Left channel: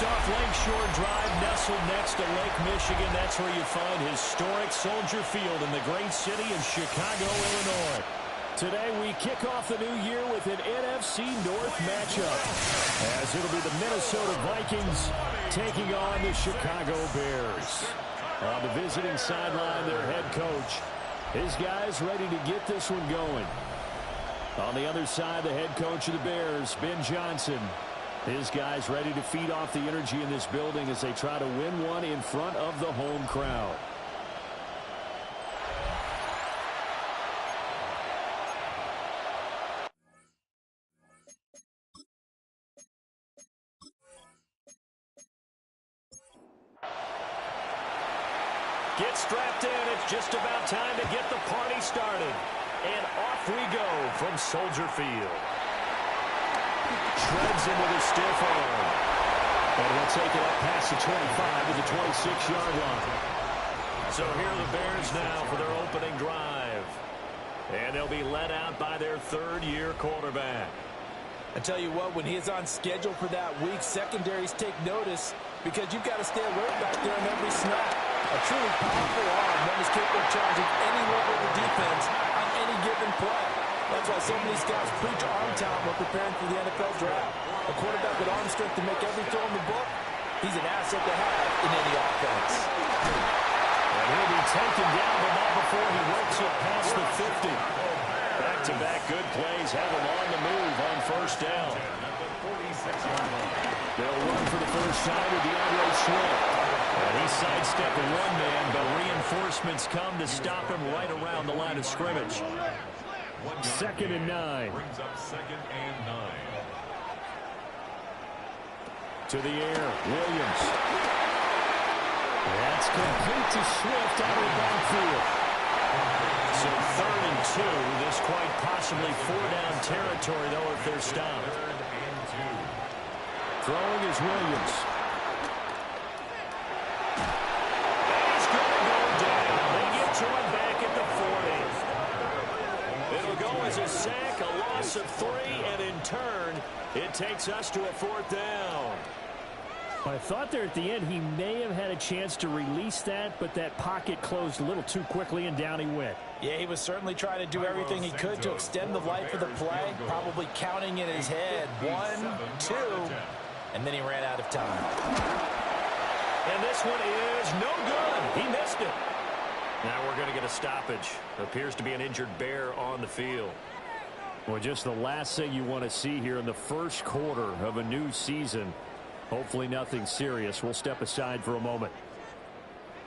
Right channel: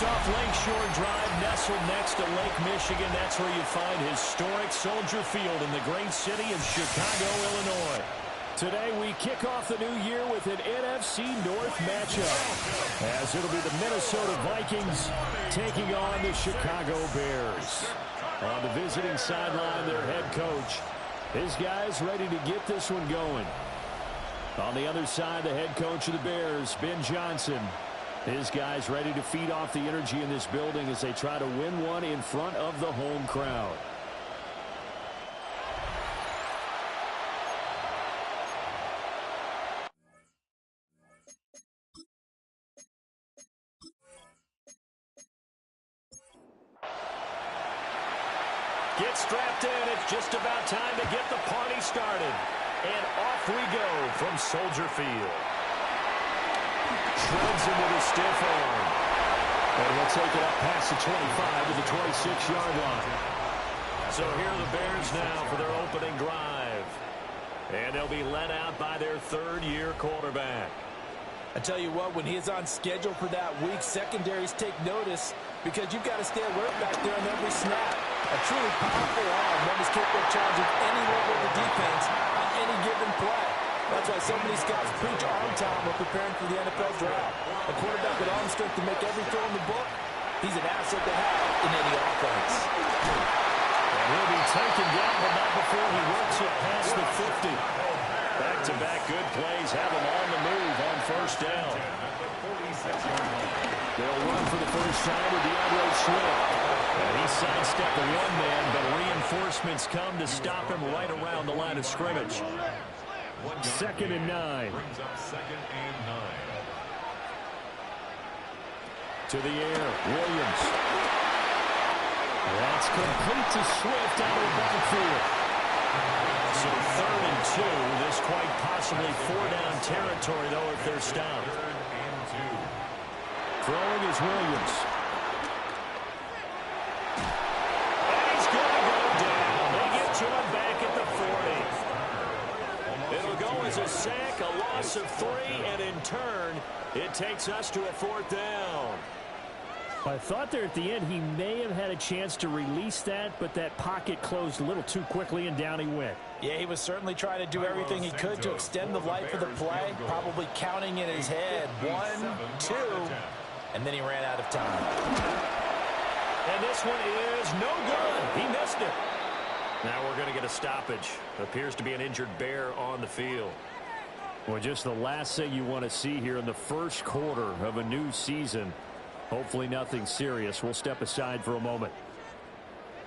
First off, Lakeshore Drive, nestled next to Lake Michigan. That's where you find historic Soldier Field in the great city of Chicago, Illinois. Today, we kick off the new year with an NFC North matchup, as it'll be the Minnesota Vikings taking on the Chicago Bears. On the visiting sideline, their head coach. His guys ready to get this one going. On the other side, the head coach of the Bears, Ben Johnson. His guys ready to feed off the energy in this building as they try to win one in front of the home crowd. Get strapped in. It's just about time to get the party started. And off we go from Soldier Field. Shreds him with a stiff arm. And he'll take it up past the 25 to the 26-yard line. So here are the Bears now for their opening drive. And they'll be led out by their third-year quarterback. I tell you what, when he is on schedule for that week, secondaries take notice because you've got to stay alert back there on every snap. A truly powerful arm, one is capable of challenging any level of the defense on any given play. That's why so many scouts preach arm talent when preparing for the NFL draft. A quarterback with arm strength to make every throw in the book, he's an asset to have in any offense. And he'll be taken down, but not before he works it past the 50. Back-to-back good plays have him on the move on first down. They'll run for the first time with DeAndre Swift. And he sidestepped the one man, but reinforcements come to stop him right around the line of scrimmage. 2nd and 9. Brings up 2nd and 9. To the air, Williams. That's complete to Swift out of the backfield. So 3rd and 2. This quite possibly 4-down territory, though, if they're stopped. 3rd and 2. Throwing is Williams. And he's going to go down. They get to him back at the 40. It'll go as a sack, a loss of 3, and in turn, it takes us to a 4th down. I thought there at the end he may have had a chance to release that, but that pocket closed a little too quickly, and down he went. Yeah, he was certainly trying to do everything he could to extend the life of the play, probably counting in his head 1, 2, and then he ran out of time. And this one is no good. He missed it. Now we're going to get a stoppage. Appears to be an injured Bear on the field. Well, just the last thing you want to see here in the first quarter of a new season. Hopefully nothing serious. We'll step aside for a moment.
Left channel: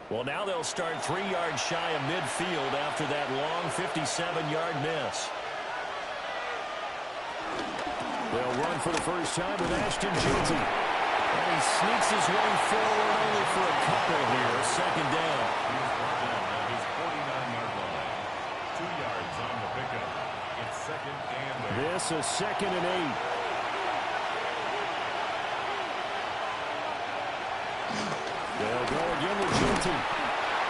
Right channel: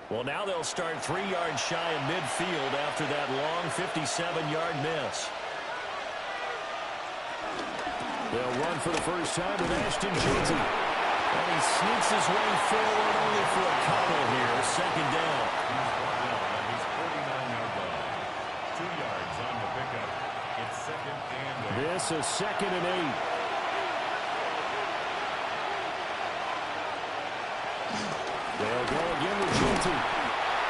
Well, now they'll start 3 yards shy of midfield after that long 57-yard miss. They'll run for the first time with Ashton Jeanty. And he sneaks his way forward only for a couple here. 2nd down. He's brought down at his 49-yard line. 2 yards on the pickup. It's 2nd and 8. This is 2nd and 8. They'll go again with Jeanty.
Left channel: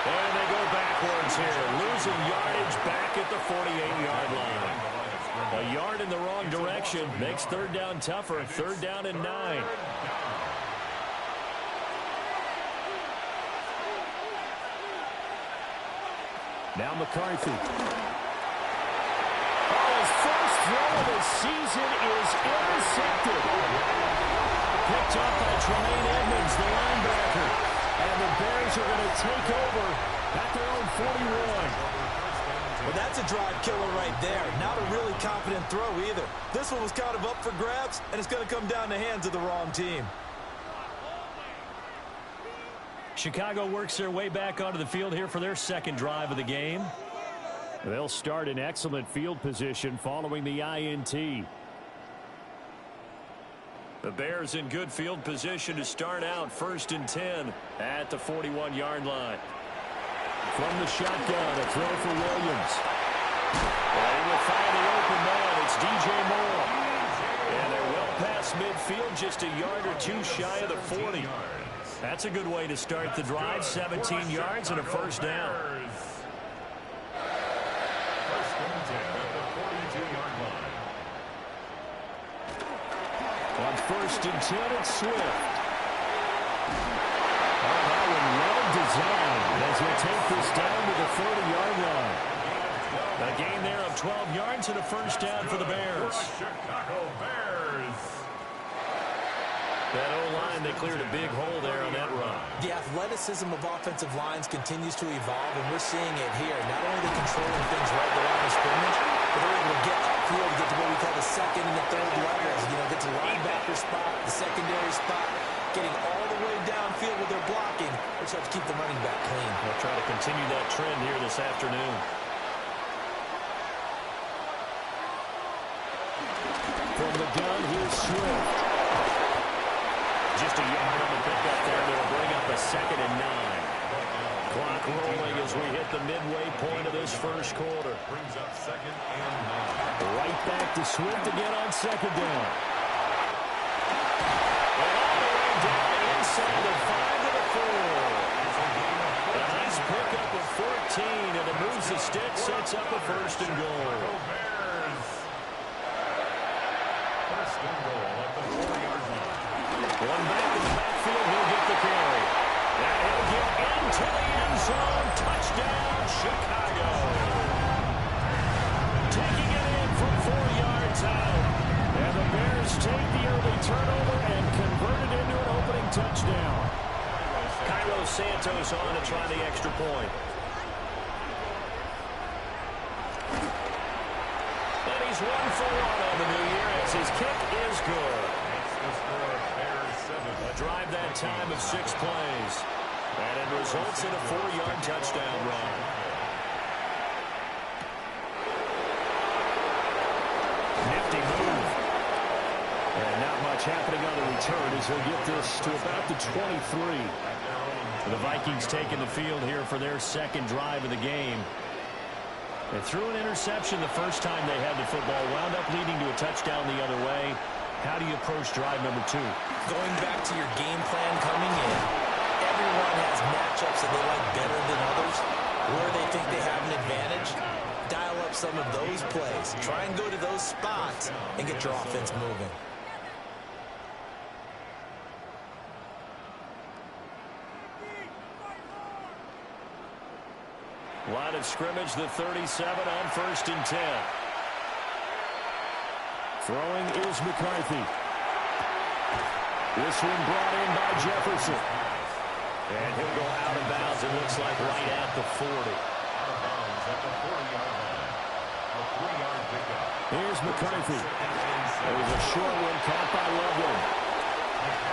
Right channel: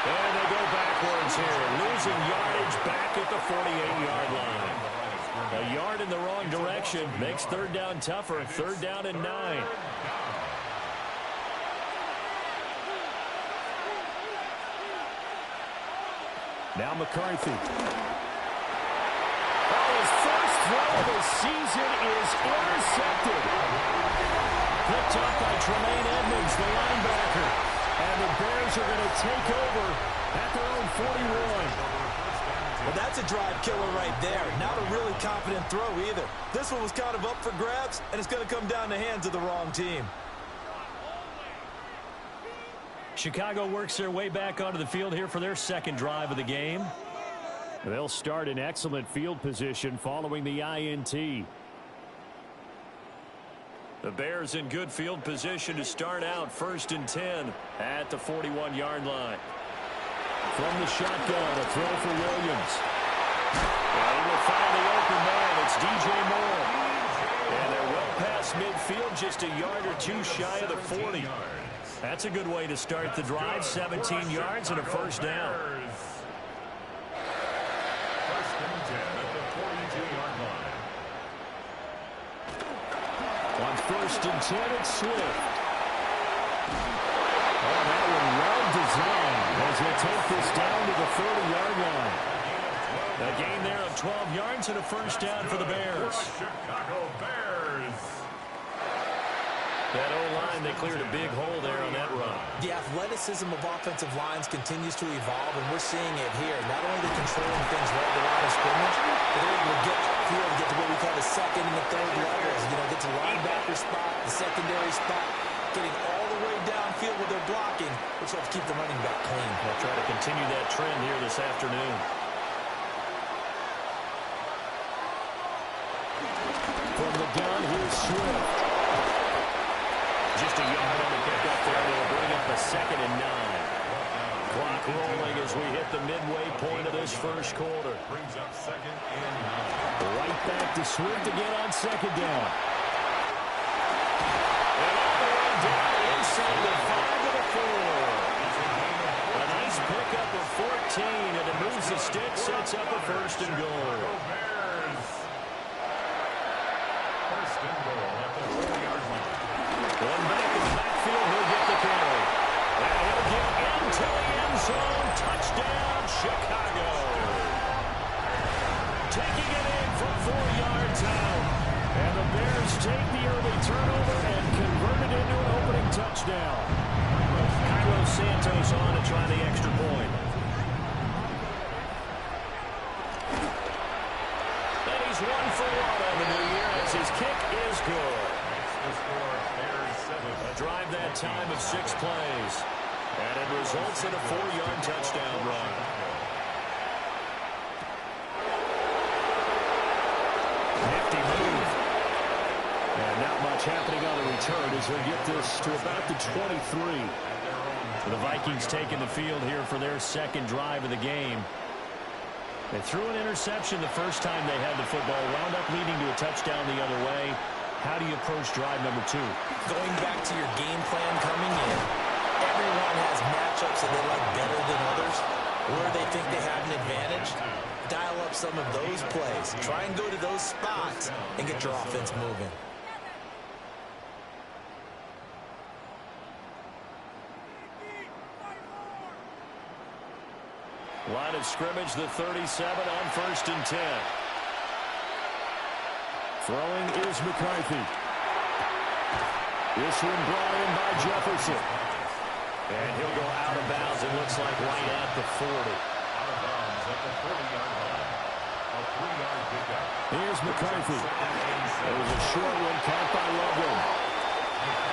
And they go backwards here. Losing yardage back at the 48-yard line. A yard in the wrong direction makes 3rd down tougher. 3rd down and 9. Now McCarthy. Oh, his first throw of the season is intercepted. Picked up by Tremaine Edmonds, the linebacker. And the Bears are going to take over at their own 41. Well, that's a drive killer right there. Not a really confident throw either. This one was kind of up for grabs, and it's going to come down the hands of the wrong team. Chicago works their way back onto the field here for their 2nd drive of the game. They'll start in excellent field position following the INT. The Bears in good field position to start out 1st and 10 at the 41-yard line. From the shotgun, a throw for Williams. And he will find the open man. It's DJ Moore. And they're well past midfield, just a yard or two shy of the 40. That's a good way to start the drive. 17 yards and a 1st down. 1st and 10 at the 42-yard line. On 1st and 10, it's Swift. Oh, that one well designed as he'll take this down to the 30-yard line. A gain there of 12 yards and a first down for the Bears. Chicago Bears. That O-line, they cleared a big hole there on that run. The athleticism of offensive lines continues to evolve, and we're seeing it here. Not only are they controlling things right at the line of scrimmage, but they're able to get upfield to get to what we call the second and the third levels. You know, get to the linebacker spot, the secondary spot, getting all the way downfield with their blocking, which helps keep the running back clean. They'll try to continue that trend here this afternoon. From the gun, here's Swift. Just a yard on the pickup there, and it'll bring up a 2nd and 9. Clock rolling as we hit the midway point of this first quarter. Brings up 2nd and 9. Right back to Swift again on 2nd down. And all the way down inside the 5 to the 4. A nice pickup of 14, and it moves the stick, sets up a 1st and goal. Bears. 1st and goal at the 4-yard line. One back in the backfield, he'll get the carry. And he'll get into the end zone. Touchdown, Chicago. Taking it in from 4 yards out. And the Bears take the early turnover and convert it into an opening touchdown. Cairo Santos on to try the extra point. And he's 1 for 1 on the new year as his kick is good. The score, Bears 7. A drive that time of 6 plays. And it results in a 4-yard touchdown run. Nifty move. And not much happening on the return as he'll get this to about the 23. The Vikings taking the field here for their 2nd drive of the game. They threw an interception the first time they had the football, wound up leading to a touchdown the other way. How do you approach drive number 2? Going back to your game plan coming in, everyone has matchups that they like better than others. Where they think they have an advantage, dial up some of those plays. Try and go to those spots and get your offense moving. Line of scrimmage, the 37 on 1st and 10. Throwing is McCarthy. This one brought in by Jefferson. And he'll go out of bounds, it looks like right at the 40. Out of bounds at the 40-yard line. A 3-yard pickup. Here's McCarthy. It was a short one caught by Loveland.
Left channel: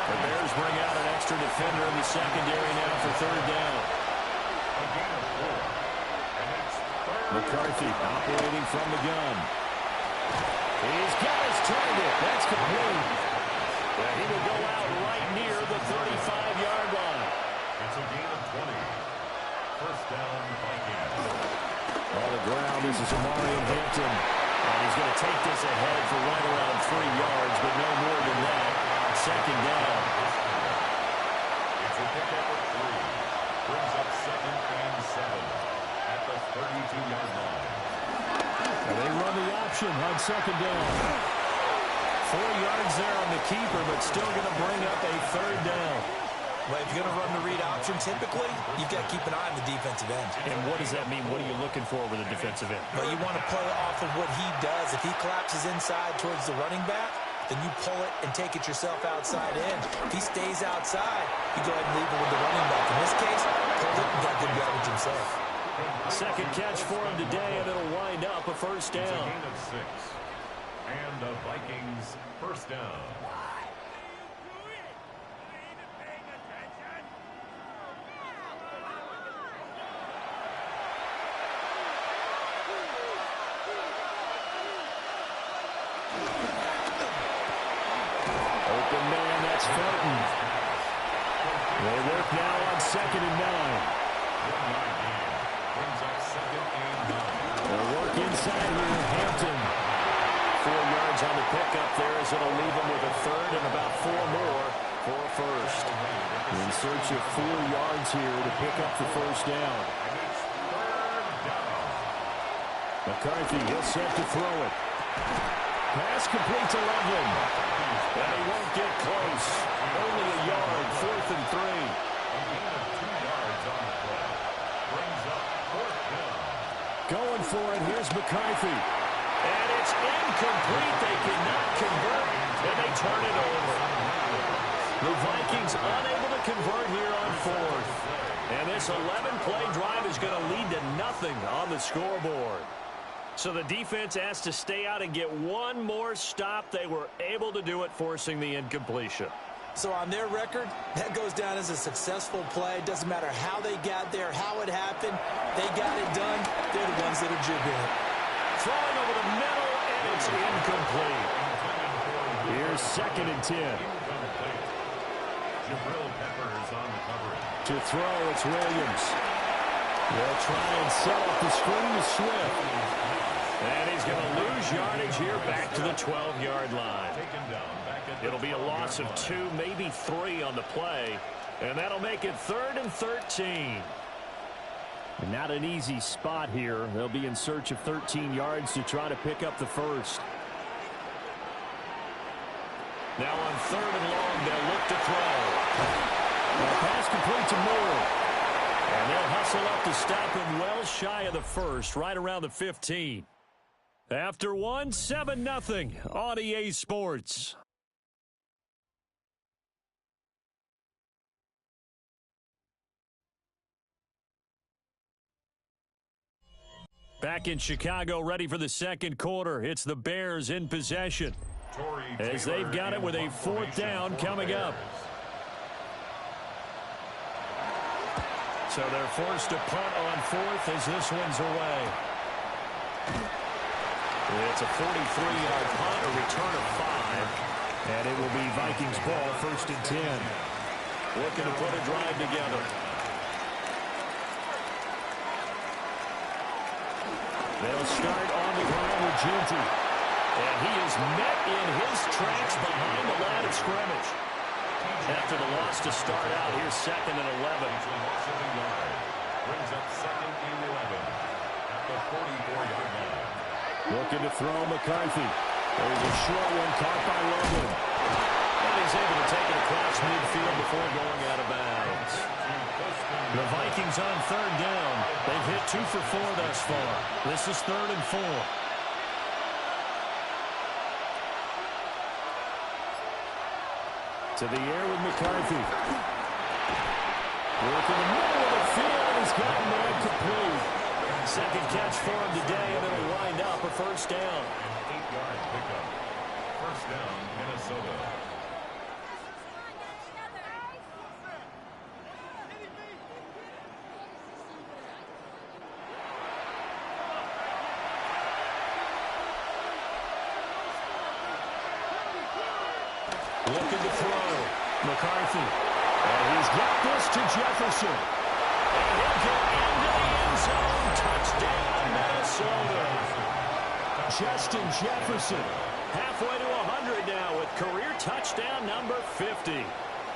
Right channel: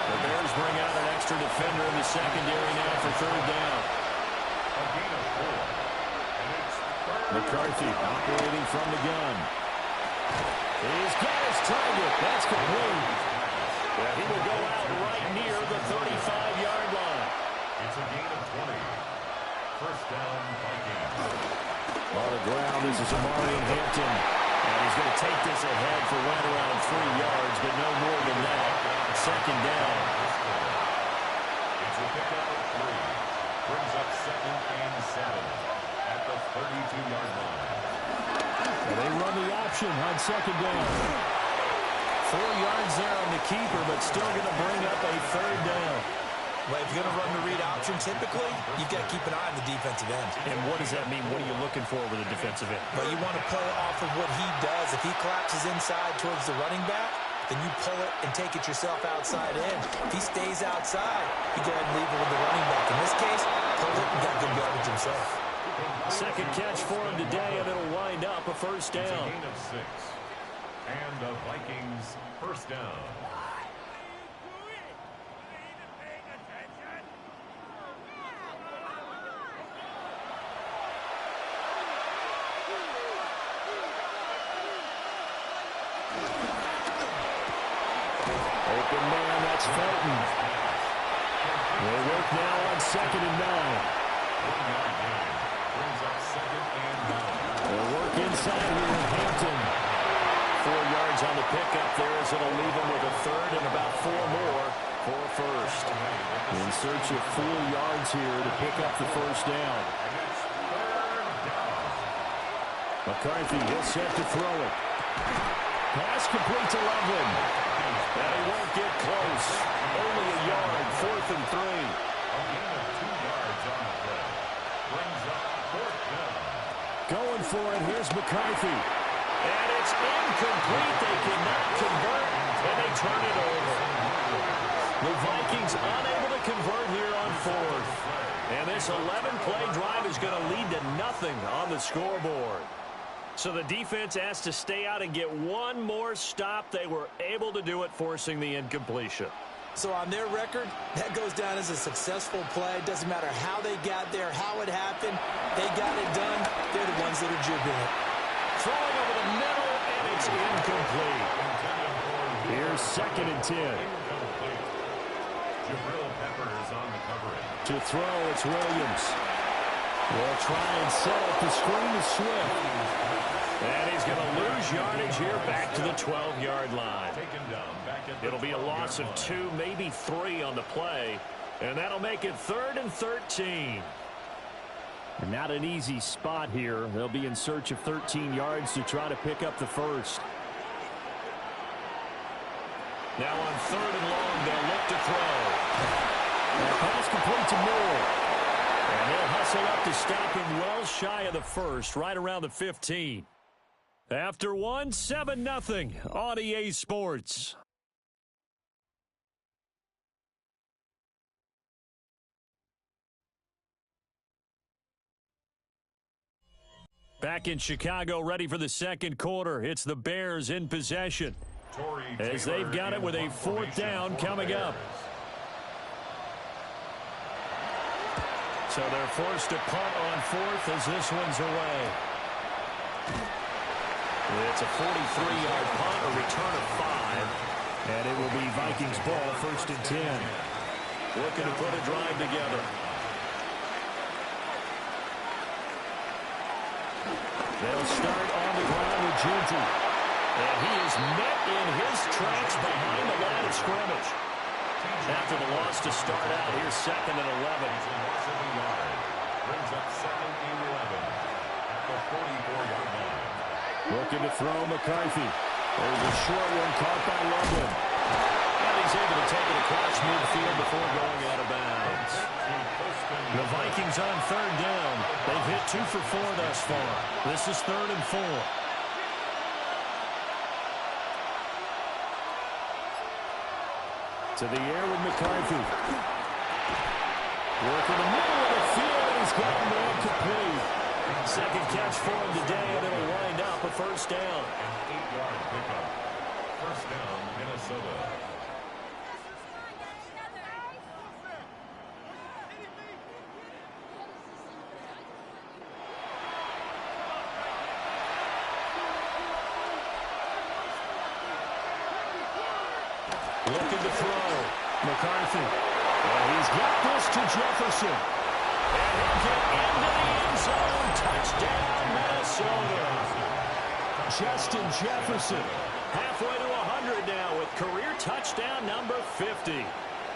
The Bears bring out an extra defender in the secondary now for 3rd down. A gain of 4. And it's 3rd. McCarthy operating from the gun. He's got his target. That's complete. Yeah, he will go out right near the 35-yard line. It's a gain of 20. 1st down, Vikings. On the ground, this is Amari Hampton. And he's going to take this ahead for right around 3 yards, but no more than that. 2nd down. It's a pickup of 3. Brings up 2nd and 7 at the 32-yard line. And they run the option on 2nd down. 4 yards there on the keeper, but still going to bring up a 3rd down. Well, if you're going to run the read option, typically, you've got to keep an eye on the defensive end. And what does that mean? What are you looking for with a defensive end? But you want to play off of what he does. If he collapses inside towards the running back, then you pull it and take it yourself outside in. If he stays outside, you go ahead and leave it with the running back. In this case, pulled it and got good yardage himself. 2nd catch for him today, and it'll wind up a 1st It's a down. gain of 6. And the Vikings 1st down. Open man, that's Felton. They work now on 2nd and 9. 1-yard gain. Brings up 2nd and 9. They'll work inside here, Hampton. 4 yards on the pickup there as it'll leave him with a 3rd and about 4 more for a 1st. In search of 4 yards here to pick up the 1st down. And it's 3rd down. McCarthy, he'll set to throw it. Pass complete to Loveland. And he won't get close. Only a yard, 4th and 3. A gain of 2 yards on the play. Brings up 4th down. Going for it, here's McCarthy. And it's incomplete. They cannot convert, and they turn it over. The Vikings unable to convert here on 4th. And this 11-play drive is going to lead to nothing on the scoreboard. So the defense has to stay out and get one more stop. They were able to do it, forcing the incompletion. So on their record, that goes down as a successful play. It doesn't matter how they got there, how it happened. They got it done. They're the ones that are jubilant. Throwing over the middle, and it's incomplete. Here's 2nd and 10. Incomplete. Jabril Peppers on the coverage. To throw, it's Williams. They'll try and set up the screen to Swift. And he's going to lose yardage here back to the 12-yard line. It'll be a loss of 2, maybe 3 on the play. And that'll make it 3rd and 13. And not an easy spot here. They'll be in search of 13 yards to try to pick up the first. Now on 3rd and long, they'll look to throw. That pass complete to Moore. And they'll hustle up to stop him well shy of the first, right around the 15. After one, 7-0 on EA Sports. Back in Chicago, ready for the second quarter. It's the Bears in possession, as they've got it with a 4th down coming up. So they're forced to punt on 4th as this one's away. It's a 43-yard punt, a return of 5. And it will be Vikings ball, 1st and 10. Looking to put a drive together. They'll start on the ground with Ginty. And he is met in his tracks behind the line of scrimmage. After the loss to start out, here's 2nd and 11. Brings up 2nd and 11 at the 44-yard line. Looking to throw McCarthy. There's a short one caught by Loveland. And he's able to take it across midfield before going out of bounds. The Vikings on 3rd down. They've hit 2 for 4 thus far. This is 3rd and 4. To the air with McCarthy. Work in the middle of the field, and he's got a man complete. 2nd catch for him today, and it'll wind up a 1st down. An 8-yard pickup. 1st down, Minnesota. Looking to throw. McCarthy. And he's got this to Jefferson. And he'll get into the end zone. Touchdown, Minnesota. Justin Jefferson halfway to 100 now with career touchdown number 50.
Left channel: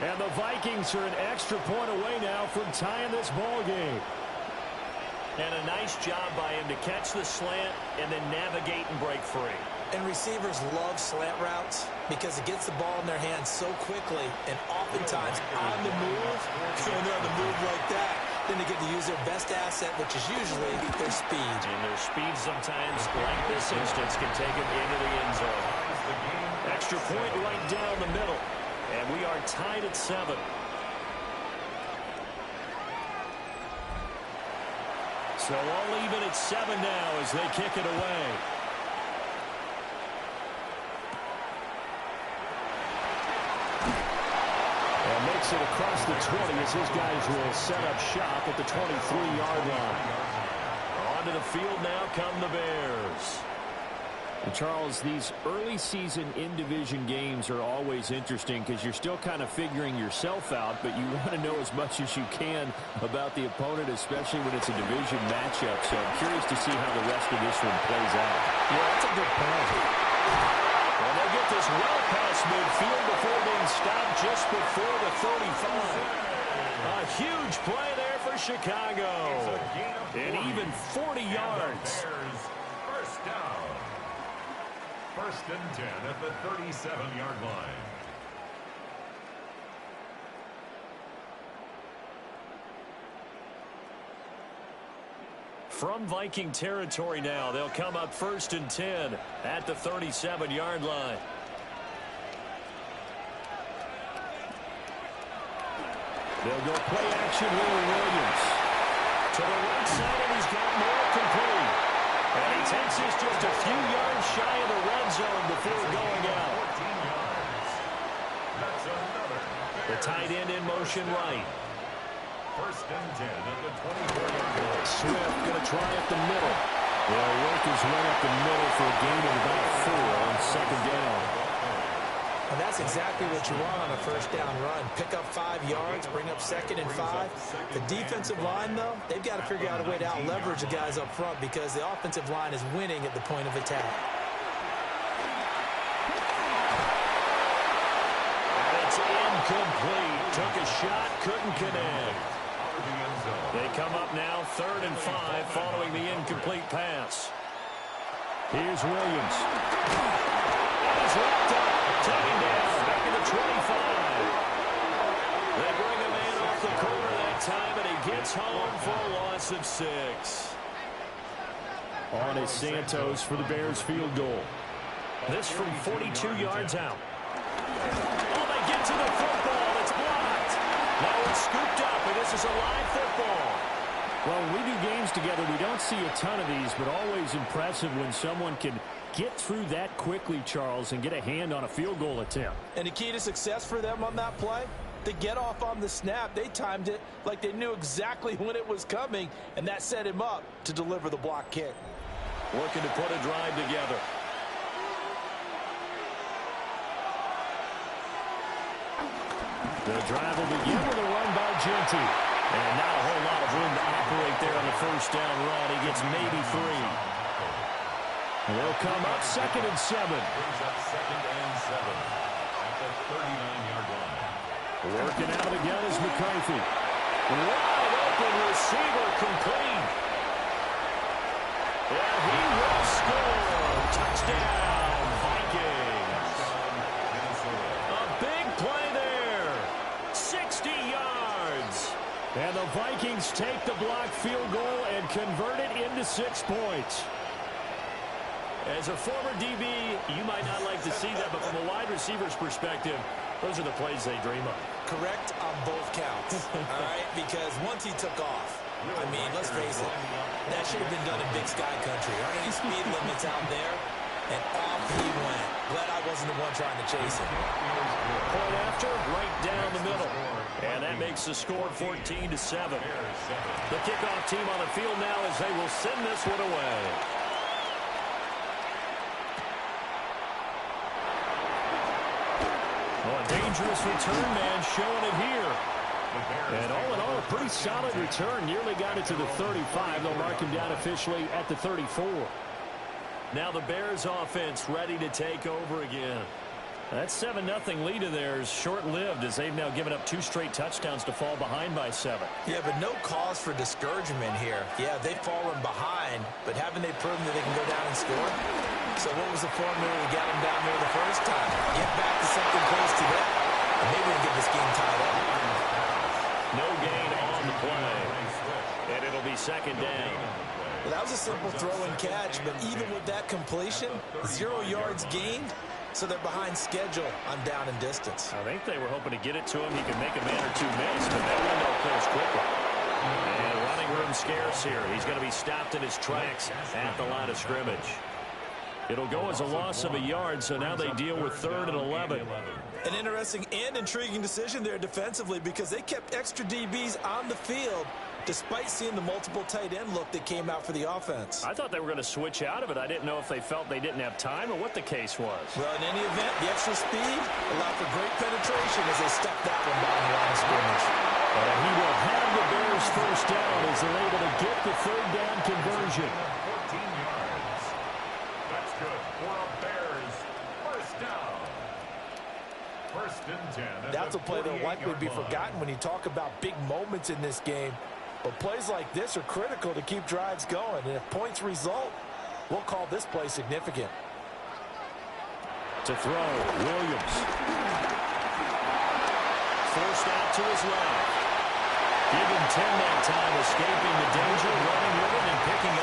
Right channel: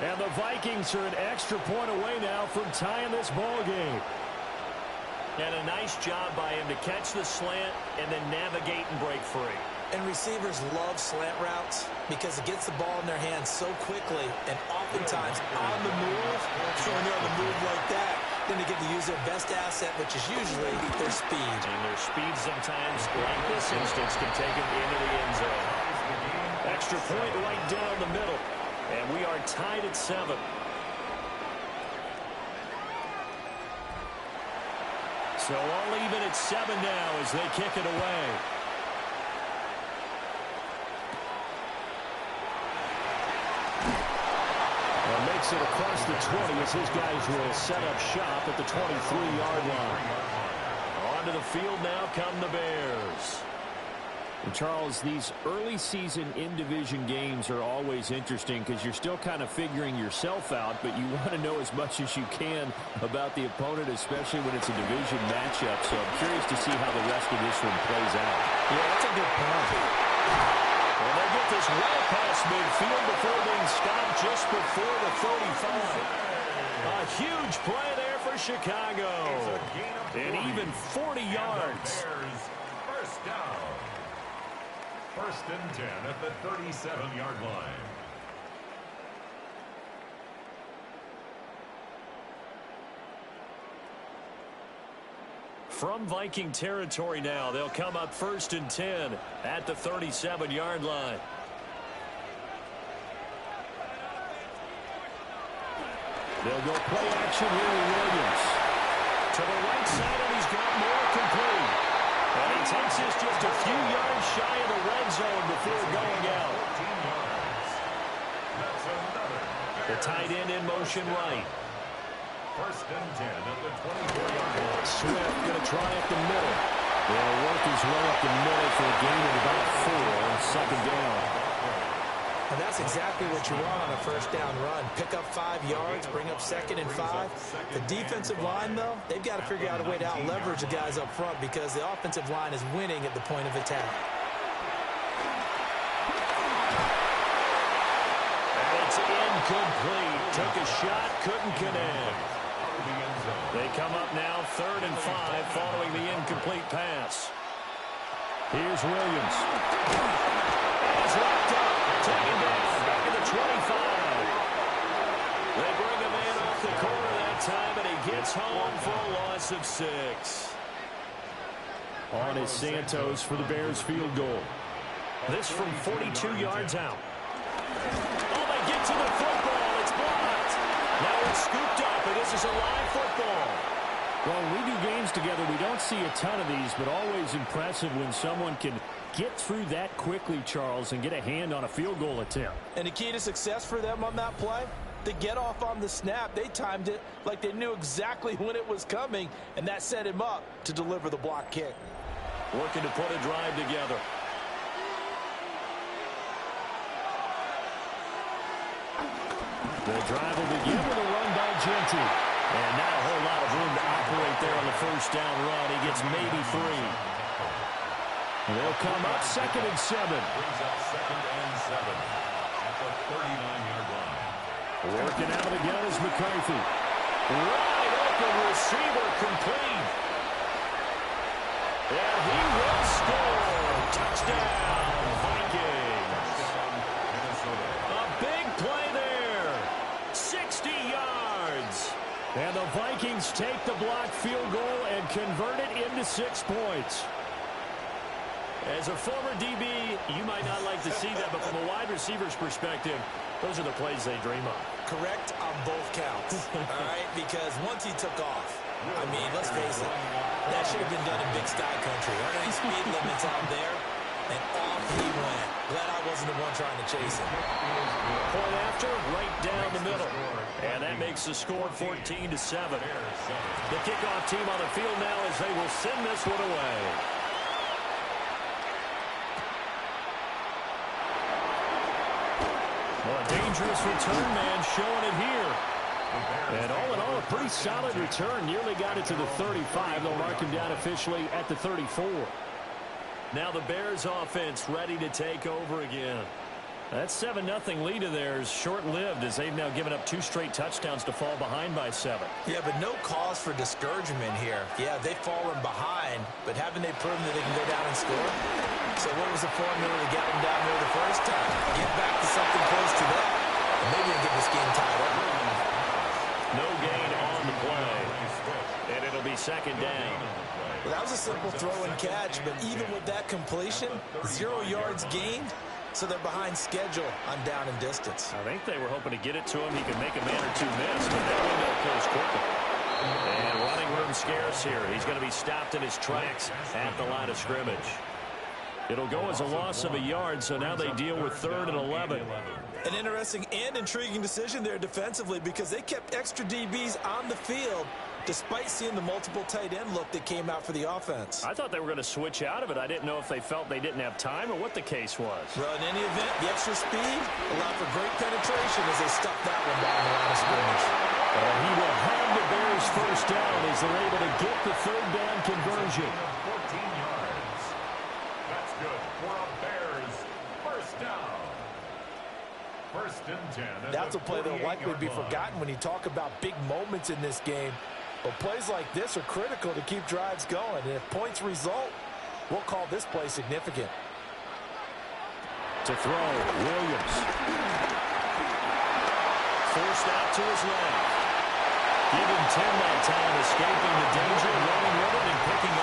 And the Vikings are an extra point away now from tying this ball game. And a nice job by him to catch the slant and then navigate and break free. And receivers love slant routes because it gets the ball in their hands so quickly, and oftentimes on the move. When they're on the move like that, then they get to use their best asset, which is usually their speed. And their speed sometimes, like this instance, can take them into the end zone. Extra point right down the middle. And we are tied at 7. So all even at 7 now as they kick it away. And makes it across the 20 as his guys will set up shop at the 23-yard line. Onto the field now come the Bears. And Charles, these early season in-division games are always interesting because you're still kind of figuring yourself out, but you want to know as much as you can about the opponent, especially when it's a division matchup. So I'm curious to see how the rest of this one plays out. Yeah, that's a good point. And they get this well past midfield before being stopped just before the 35. A huge play there for Chicago. And even 40 yards. First down. 1st and 10 at the 37-yard line. From Viking territory now, they'll come up 1st and 10 at the 37-yard line. They'll go play action here with Williams. To the right side, and he's got more complete. And he takes this just a few yards shy of the red zone before going out. The tight end in motion right. 1st and 10 at the 24-yard line. Swift going to try up the middle. They'll work his way up the middle for a gain of about 4 on 2nd down. And that's exactly what you want on a 1st down run. Pick up 5 yards, bring up 2nd and 5. The defensive line, though, they've got to figure out a way to out-leverage the guys up front because the offensive line is winning at the point of attack. And it's incomplete. Took a shot, couldn't connect. They come up now 3rd and 5 following the incomplete pass. Here's Williams. And he's wrapped up. Taken down, back at the 25. They bring a man off the corner that time, and he gets home for a loss of 6. On is Santos for the Bears field goal. This from 42 yards out. Oh, they get to the football. It's blocked. Now it's scooped up, and this is a live football. Well, when we do games together, we don't see a ton of these, but always impressive when someone can get through that quickly, Charles, and get a hand on a field goal attempt. And the key to success for them on that play, they get off on the snap. They timed it like they knew exactly when it was coming, and that set him up to deliver the block kick. Looking to put a drive together. The drive will begin with a run by Genty. And not a whole lot of room to operate there on the 1st down run. He gets maybe 3. They'll come up 2nd and 7. Brings up 2nd and 7 at the 39-yard line. Working out of the gun is McCarthy. Wide open receiver complete. And he will score. Touchdown, Vikings. A big play there. 60 yards. And the Vikings take the block field goal and convert it into 6 points. As a former DB, you might not like to see that, but from a wide receiver's perspective, those are the plays they dream of. Correct on both counts, all right? Because once he took off, I mean, let's face it, that should have been done in Big Sky Country. Aren't any speed limits out there? And off he went. Glad I wasn't the one trying to chase him. Point after, right down the middle. And that makes the score 14-7. The kickoff team on the field now as they will send this one away. Well, a dangerous return man showing it here. And all in all, a pretty solid return. Nearly got it to the 35. They'll mark him down officially at the 34. Now the Bears offense ready to take over again. That 7-0 lead of theirs short-lived as they've now given up 2 straight touchdowns to fall behind by 7. Yeah, but no cause for discouragement here. Yeah, they've fallen behind, but haven't they proven that they can go down and score? So what was the formula to get them down there the first time? Get back to something close to that, and maybe they can get this game tied up. No gain on the play, and it'll be 2nd down. Well, that was a simple throw and catch, but even with that completion, 0 yards gained, so they're behind schedule on down and distance. I think they were hoping to get it to him. He could make a man or 2 miss, but that window closed quickly. And running room scarce here. He's going to be stopped in his tracks at the line of scrimmage. It'll go as a loss of a yard, so now they deal with 3rd and 11. An interesting and intriguing decision there defensively because they kept extra DBs on the field despite seeing the multiple tight end look that came out for the offense. I thought they were going to switch out of it. I didn't know if they felt they didn't have time or what the case was. Well, in any event, the extra speed allowed for great penetration as they stuffed that one behind the line of scrimmage. And he will have the Bears 1st down as they're able to get the 3rd down conversion. 14 yards. That's good for a Bears 1st down. 1st and 10. That's a play that'll likely be forgotten when you talk about big moments in this game. But plays like this are critical to keep drives going. And if points result, we'll call this play significant. To throw, Williams. Forced out to his left. Give him 10 that time, escaping the danger, running with it, and picking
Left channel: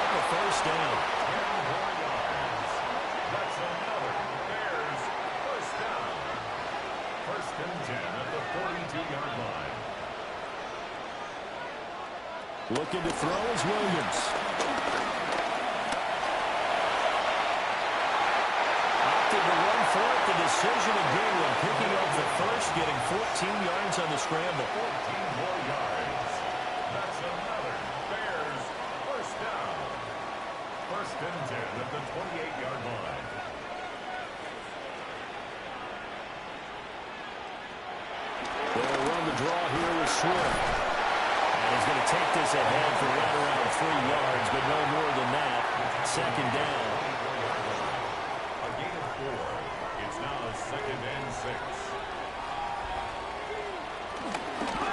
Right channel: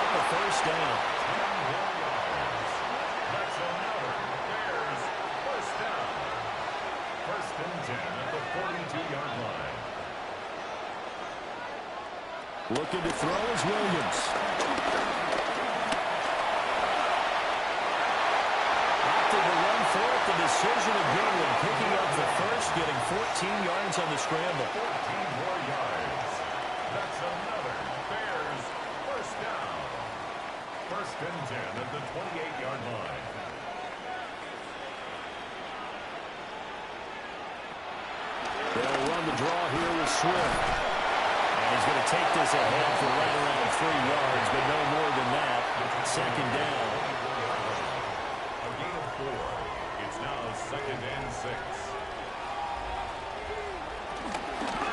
Looking to throw is Williams. Opted to run for it. The decision of Goodwin picking up the first, getting 14 yards on the scramble. 14 more yards. That's another Bears first down. First and 10 at the 28-yard line. They'll run the draw here with Swift. And he's going to take this ahead for right around 3 yards, but no more than that. Second down. A gain of 4. It's now second and 6.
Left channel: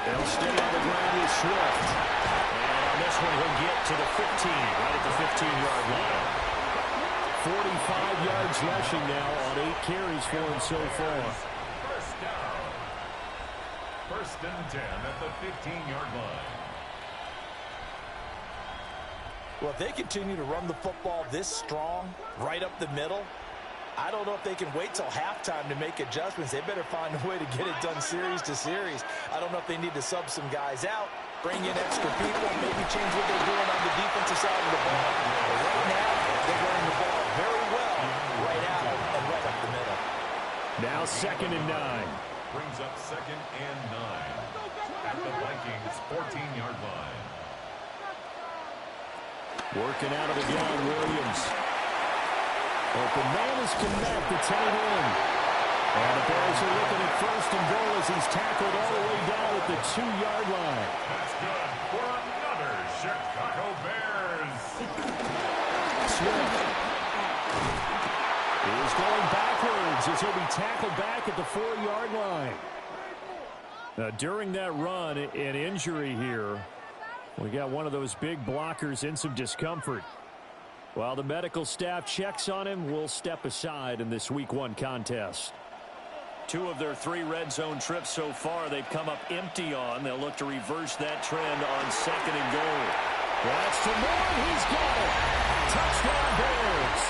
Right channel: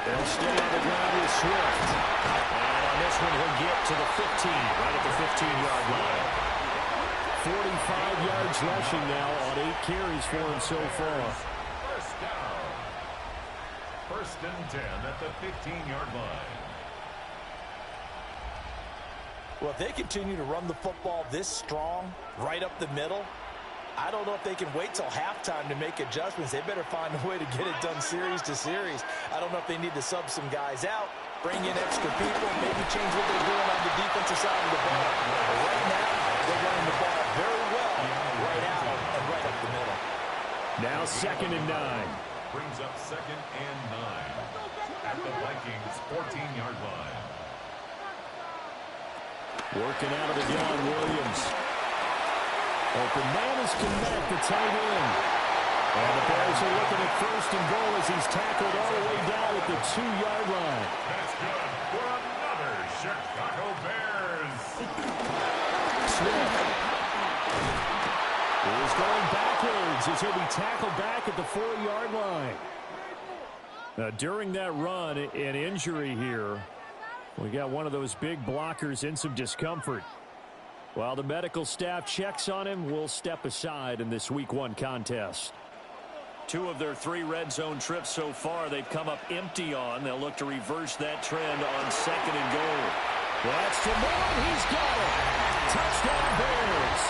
They'll stay on the ground with Swift. And on this one, he'll get to the 15, right at the 15-yard line. 45 yards rushing now on 8 carries for him so far. First down. First and 10 at the 15-yard line. Well, if they continue to run the football this strong, right up the middle, I don't know if they can wait till halftime to make adjustments. They better find a way to get it done series to series. I don't know if they need to sub some guys out, bring in extra people, maybe change what they're doing on the defensive side of the ball. But right now, they're running the ball very well, right out and right up the middle. Now second and 9. Brings up second and 9 at the Vikings 14-yard line. Working out of the gun, Williams. Open man is connect, the tight end. And the Bears are looking at first and goal as he's tackled all the way down at the 2-yard line. That's good for another Chicago Bears. Swift is going backwards as he'll be tackled back at the 4-yard line. During that run, an injury here. We got one of those big blockers in some discomfort. While the medical staff checks on him, we'll step aside in this Week 1 contest. 2 of their 3 red zone trips so far, they've come up empty on. They'll look to reverse that trend on second and goal. That's to Moore, and he's got it. Touchdown Bears.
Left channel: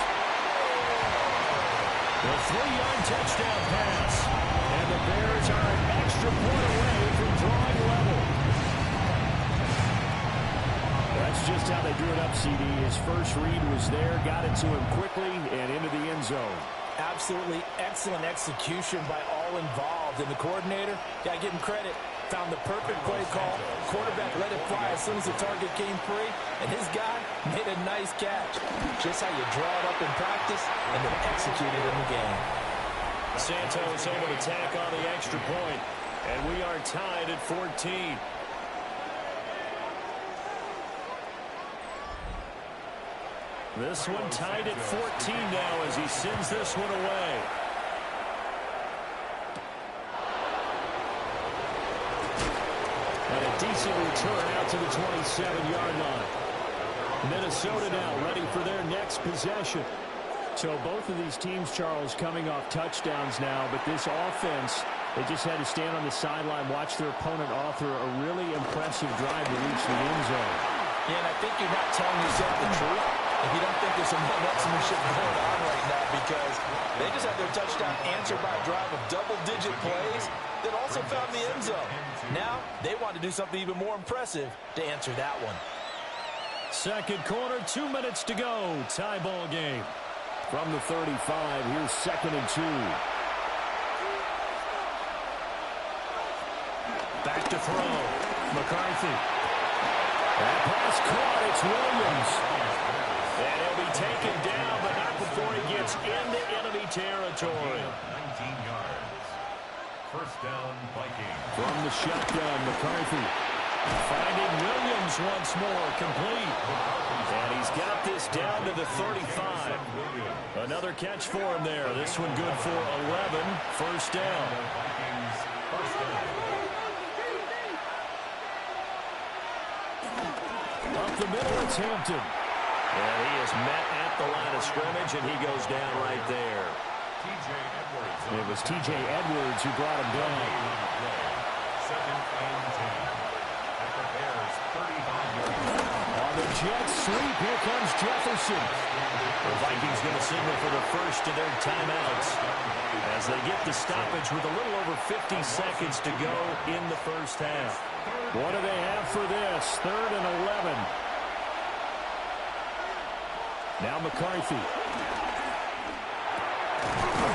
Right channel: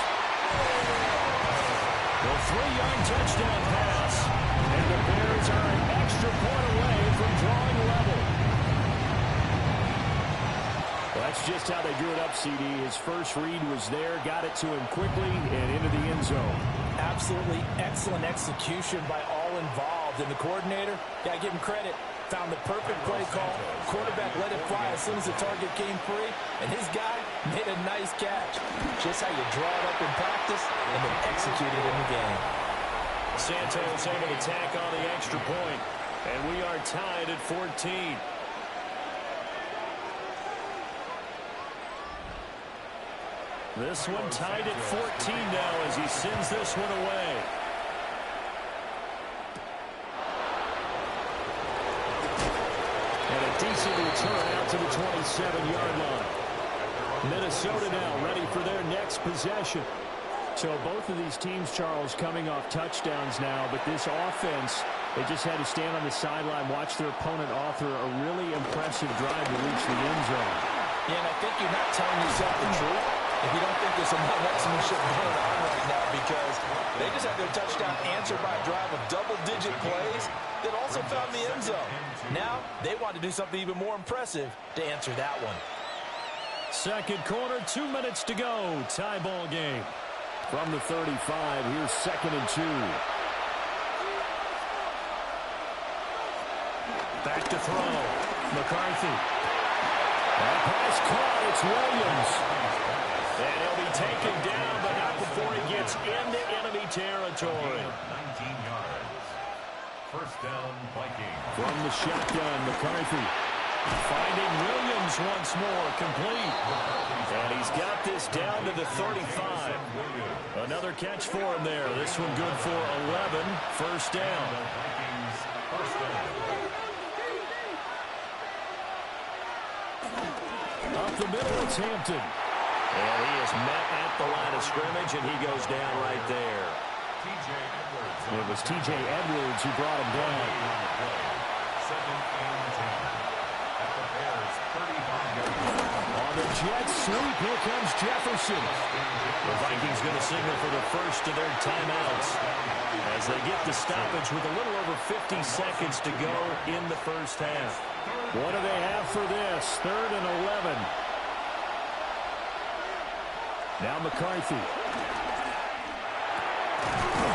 The 3-yard touchdown pass. And the Bears are an extra point away from drawing level. That's just how they drew it up, CD. His first read was there, got it to him quickly, and into the end zone. Absolutely excellent execution by all involved. And the coordinator, got to give him credit, found the perfect play call. Quarterback let it fly as soon as the target came free, and his guy made a nice catch. Just how you draw it up in practice and then execute it in the game. Santos able to tack on the extra point, and we are tied at 14. This one tied at 14 now as he sends this one away. And a decent return out to the 27-yard line. Minnesota now ready for their next possession. So both of these teams, Charles, coming off touchdowns now, but this offense, they just had to stand on the sideline, watch their opponent author a really impressive drive to reach the end zone. Yeah, and I think you're not telling yourself the truth if you don't think there's some one-upsmanship going on right now, because they just had their touchdown answered by a drive of double-digit plays that also found the end zone. Now they want to do something even more impressive to answer that one. Second quarter, 2 minutes to go. Tie ball game. From the 35, here's second and 2. Back to throw. McCarthy. That pass caught. It's Williams. And he'll be taken down, but not before he gets into enemy territory. 19 yards. First down, Vikings. From the shotgun, McCarthy. Finding Williams once more, complete. And he's got this down to the 35. Another catch for him there. This one good for 11. First down. Vikings, first down. Up the middle, it's Hampton. And he is met at the line of scrimmage, and he goes down right there. T.J. Edwards. It was T.J. Edwards who brought him down. Second and 10. At the Bears' 35-yard line. On the Jets sweep, here comes Jefferson. The Vikings going to signal for the first of their timeouts as they get the stoppage with a little over 50 seconds to go in the first half. What do they have for this? 3rd and 11. Now McCarthy.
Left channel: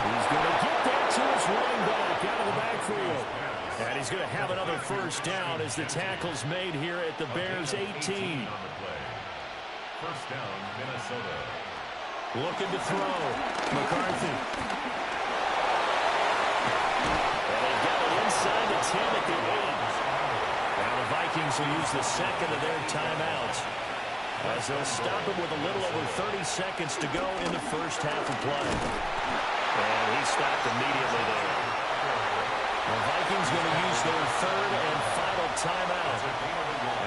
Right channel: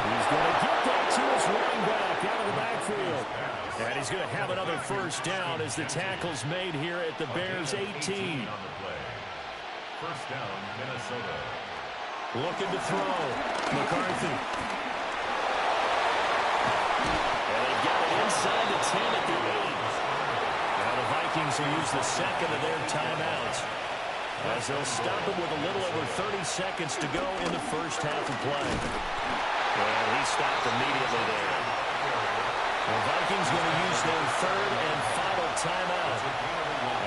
He's going to get that to his running back out of the backfield. And he's going to have another first down as the tackle's made here at the Bears' 18. First down, Minnesota. Looking to throw. McCarthy. And they've got it inside the 10 at the 8. Now the Vikings will use the second of their timeouts, as they'll stop it with a little over 30 seconds to go in the first half of play. And he stopped immediately there. The Vikings going to use their 3rd and final timeout,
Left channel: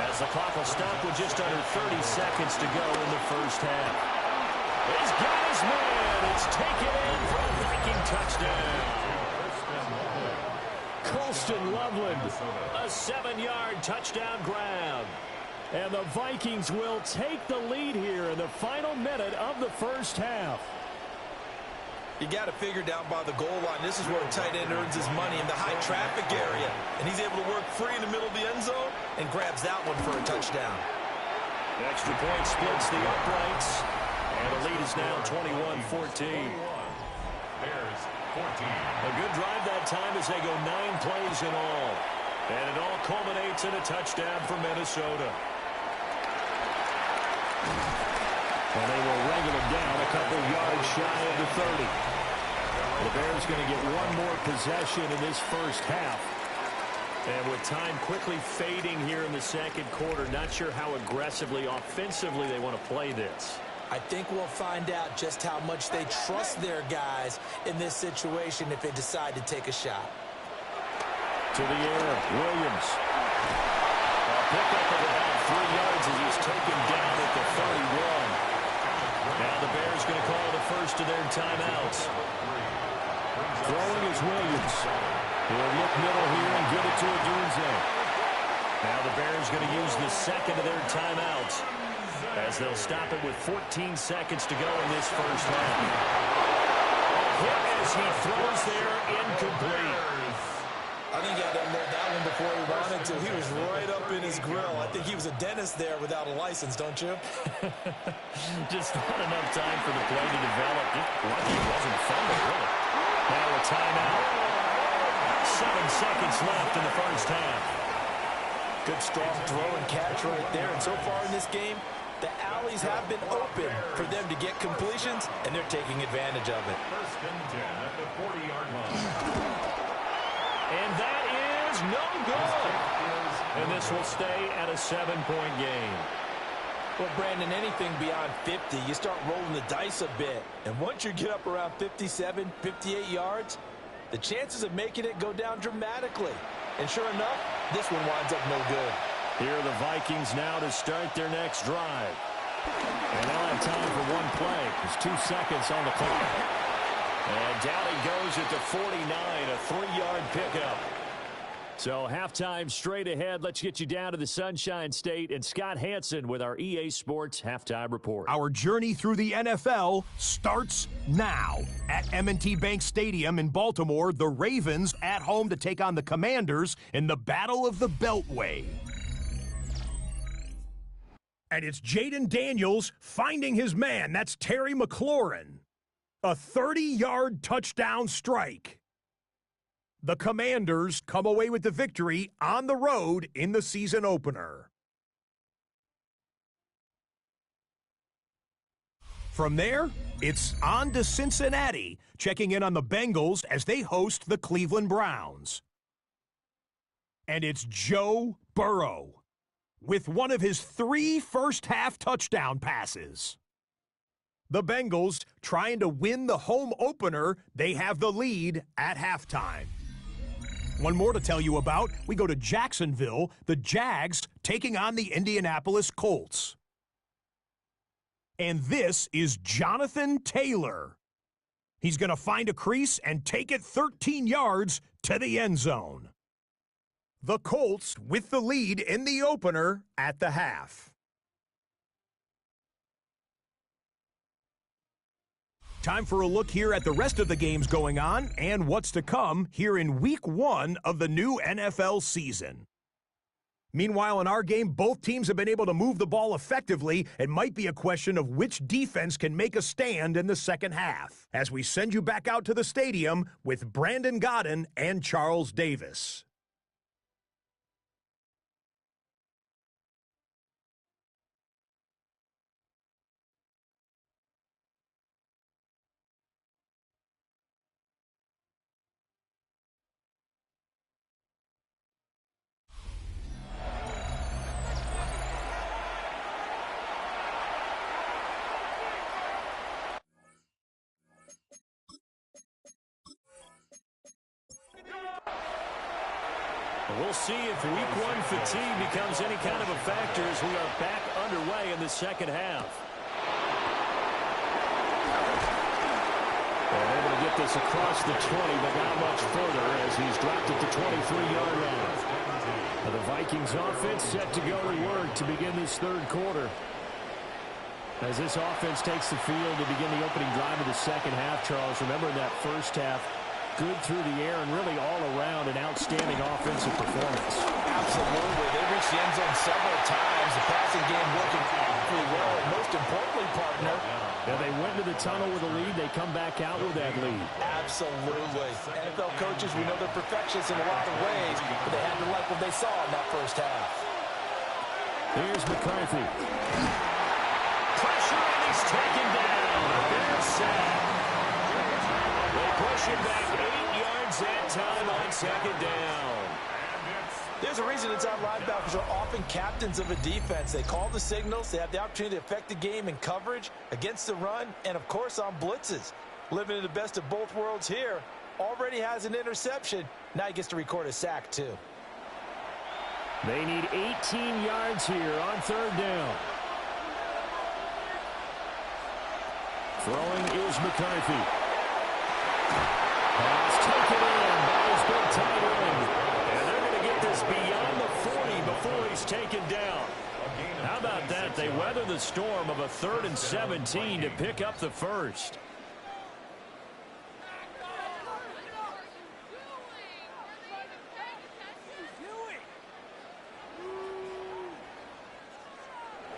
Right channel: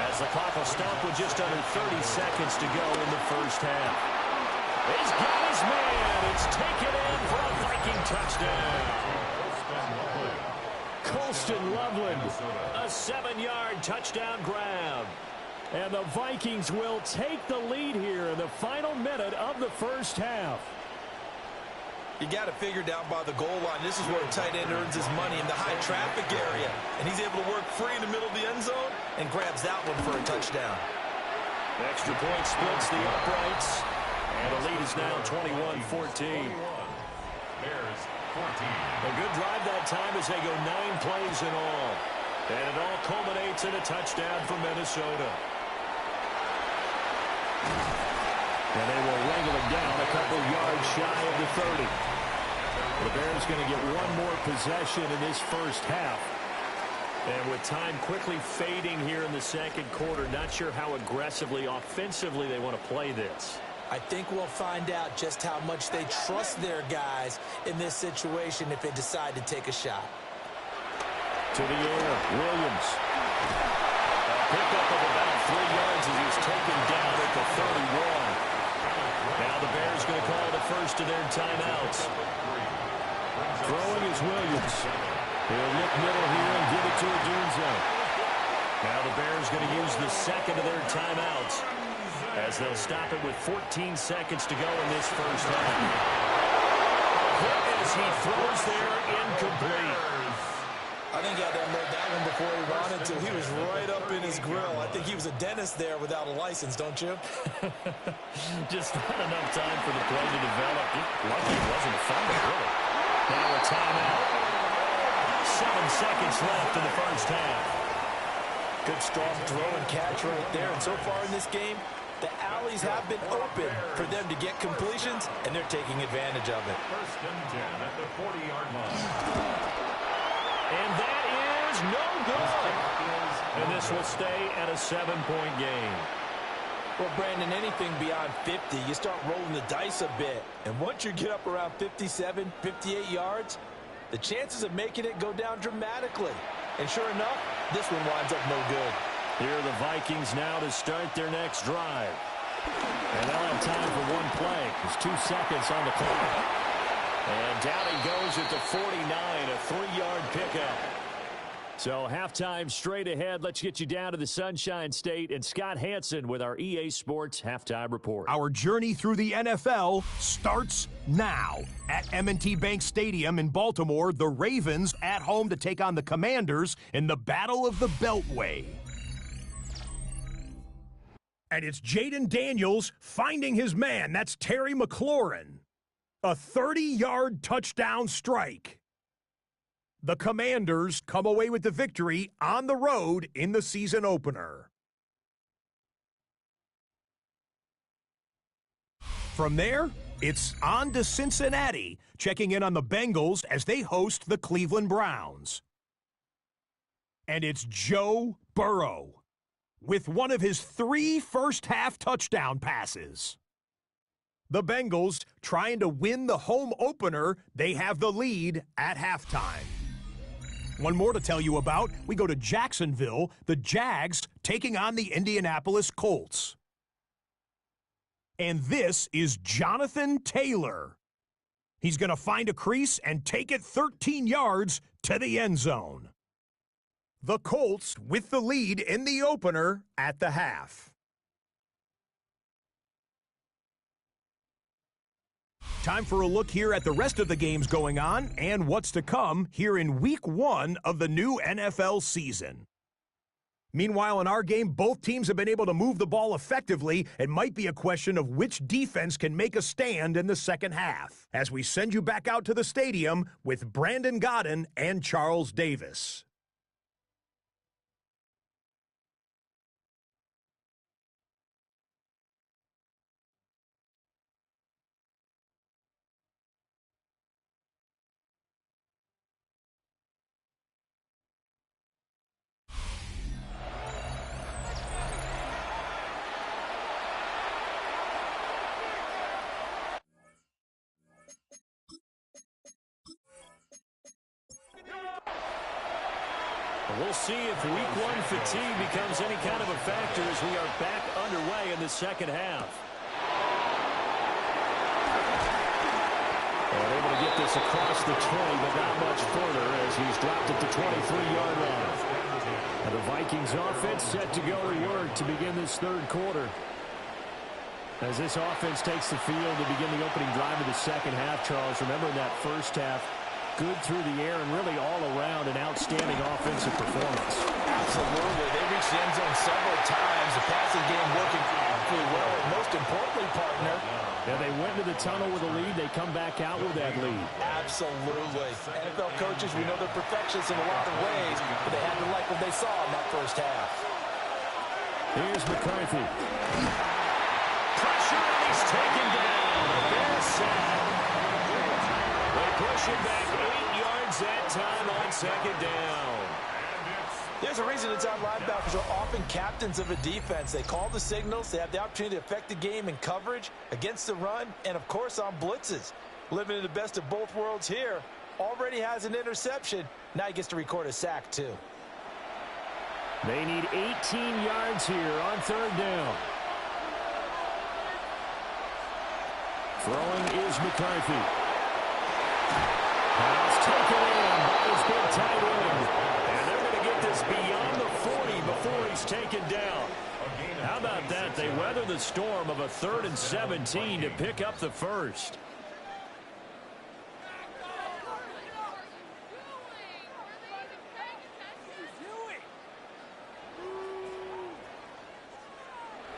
as the clock will stop with just under 30 seconds to go in the first half. He's got his man. It's taken in for a Viking touchdown. Colston Loveland, a 7-yard touchdown grab. And the Vikings will take the lead here in the final minute of the first half. You got to figure down by the goal line. This is where a tight end earns his money, in the high traffic area. And he's able to work free in the middle of the end zone and grabs that one for a touchdown. Extra point splits the uprights. And the lead is now 21-14. Bears 14. A good drive that time as they go 9 plays in all. And it all culminates in a touchdown for Minnesota. And they will wrangle him down a couple yards shy of the 30. The Bears going to get one more possession in this first half. And with time quickly fading here in the second quarter, not sure how aggressively, offensively they want to play this. I think we'll find out just how much they trust their guys in this situation if they decide to take a shot. To the air, Williams. A pickup of about 3 yards as he's taken down at the 31. Now the Bears going to call the first of their timeouts. Throwing is Williams. He'll look middle here and give it to Odunze. Now the Bears going to use the second of their timeouts, as they'll stop it with 14 seconds to go in this first half. A hit as he throws there, incomplete. I think he had to unload that one before he wanted to. He was right up in his grill. I think he was a dentist there without a license, don't you? Just not enough time for the play to develop. Lucky it wasn't a fumble, really. Now a timeout. 7 seconds left in the first half. Good strong throw and catch right there. And so far in this game, the alleys have been open for them to get completions, and they're taking advantage of it. First and 10 at the 40-yard line. And that is no good. And this will stay at a 7-point game. Well, Brandon, anything beyond 50, you start rolling the dice a bit. And once you get up around 57, 58 yards, the chances of making it go down dramatically. And sure enough, this one winds up no good. Here are the Vikings now to start their next drive. And they'll have time for one play. There's 2 seconds on the clock. And down he goes at the 49, a 3-yard pickup. So halftime straight ahead. Let's get you down to the Sunshine State and Scott Hansen with our EA Sports Halftime Report. Our journey through the NFL starts now. At M&T Bank Stadium in Baltimore, the Ravens at home to take on the Commanders in the Battle of the Beltway. And it's Jaden Daniels finding his man. That's Terry McLaurin. A 30-yard touchdown strike. The Commanders come away with the victory on the road in the season opener. From there, it's on to Cincinnati, checking in on the Bengals as they host the Cleveland Browns. And it's Joe Burrow with one of his 3 first-half touchdown passes. The Bengals trying to win the home opener. They have the lead at halftime. One more to tell you about. We go to Jacksonville, the Jags taking on the Indianapolis Colts. And this is Jonathan Taylor. He's going to find a crease and take it 13 yards to the end zone. The Colts with the lead in the opener at the half. Time for a look here at the rest of the games going on and what's to come here in Week 1 of the new NFL season. Meanwhile, in our game, both teams have been able to move the ball effectively. It might be a question of which defense can make a stand in the second half. As we send you back out to the stadium with Brandon Godden and Charles Davis. We'll see if week one fatigue becomes any kind of a factor as we are back underway in the second half. And able to get this across the 20, but not much further as he's dropped at the 23-yard line. Now the Vikings offense set to go to work to begin this third quarter. As this offense takes the field to begin the opening drive of the second half, Charles, remember in that first half, good through the air and really all around an outstanding offensive performance. Absolutely. They reached the end zone several times. The passing game working really well. And most importantly, partner, yeah, they went to the tunnel with a lead. They come back out with that lead. Absolutely. NFL coaches, we know they're perfectionists in a lot of ways, but they had to like what they saw in that first half. Here's McCarthy. Pressure, and he's taken down. A Bears sack. They push it back 8 yards that time on second down. There's a reason inside linebackers are often captains of a defense. They call the signals. They have the opportunity to affect the game in coverage, against the run, and, of course, on blitzes. Living in the best of both worlds here. Already has an interception. Now he gets to record a sack, too. They need 18 yards here on third down. Throwing is McCarthy. Pass taken in by his big tight end. And they're going to get this beyond the 40 before he's taken down. How about that? They weather the storm of a 3rd and 17 to pick up the first.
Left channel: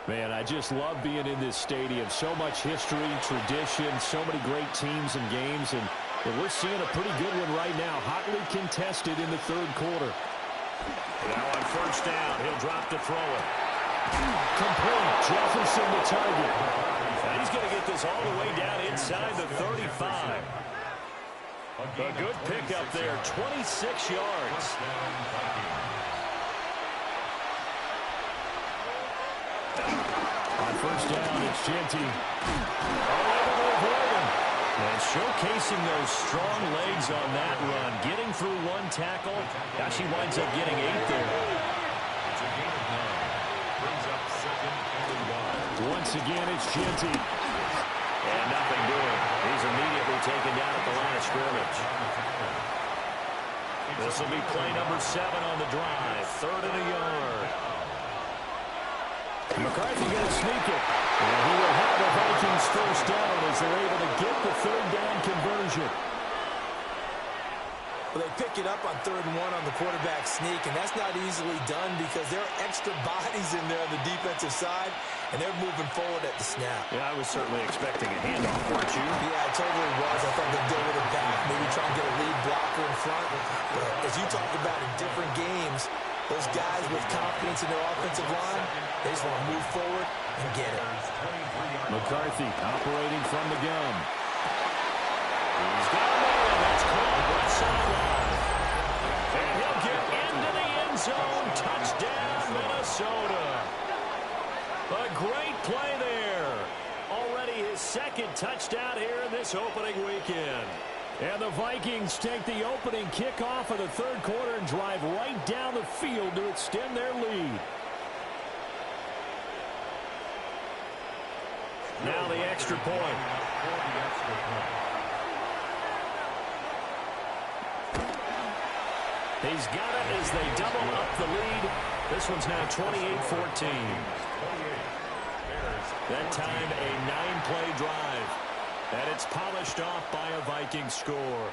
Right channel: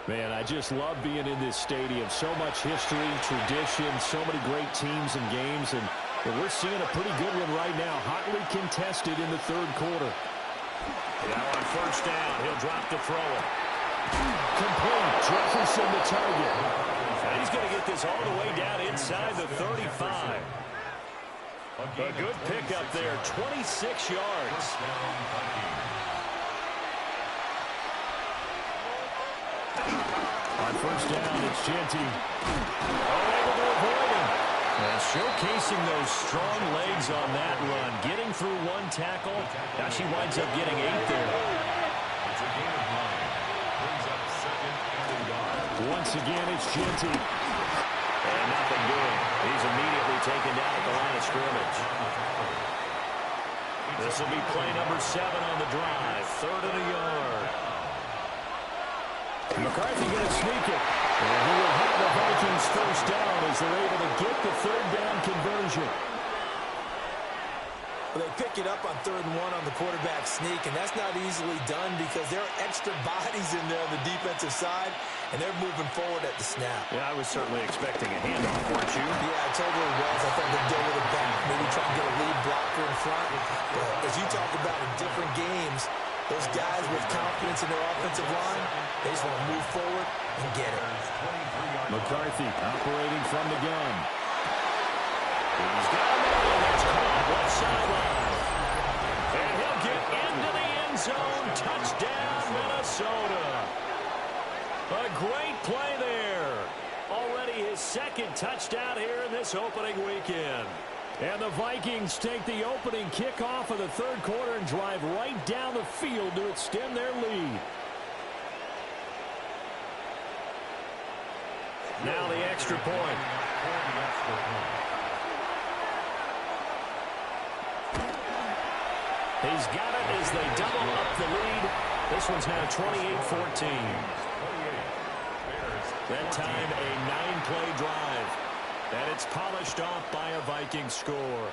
Man, I just love being in this stadium. So much history, tradition, so many great teams and games, and we're seeing a pretty good one right now, hotly contested in the third quarter. Now on first down, he'll drop to throw it. Complete. Jefferson the target. And he's going to get this all the way down inside the 35. A good pickup there, 26 yards. On first down, it's Genty. Able to avoid him. And showcasing those strong legs on that run. Getting through one tackle. Now she winds up getting 8 there. It's a gain of 9. Brings up 2nd and a yard. Once again, it's Genty. And nothing doing. He's immediately taken down at the line of scrimmage. This will be play number 7 on the drive. 3rd and a yard. McCarthy going to sneak it. And he will have the Vikings first down as they're able to get the 3rd down conversion. Well, they pick it up on 3rd and 1 on the quarterback sneak, and that's not easily done because there are extra bodies in there on the defensive side, and they're moving forward at the snap. Yeah, I was certainly expecting a handoff, weren't you? Yeah, I totally was. I thought they'd deal with it back, maybe try and get a lead blocker in front. But as you talk about in different games, those guys with confidence in their offensive line, they just want to move forward and get it. McCarthy operating from the gun. He's got a man. That's caught left sideline. And he'll get into the end zone. Touchdown, Minnesota. A great play there. Already his 2nd touchdown here in this opening weekend. And the Vikings take the opening kickoff of the third quarter and drive right down the field to extend their lead. Now the extra point. He's got it as they double up the lead. This one's now 28-14. That time a 9-play drive. And it's polished off by a Viking score.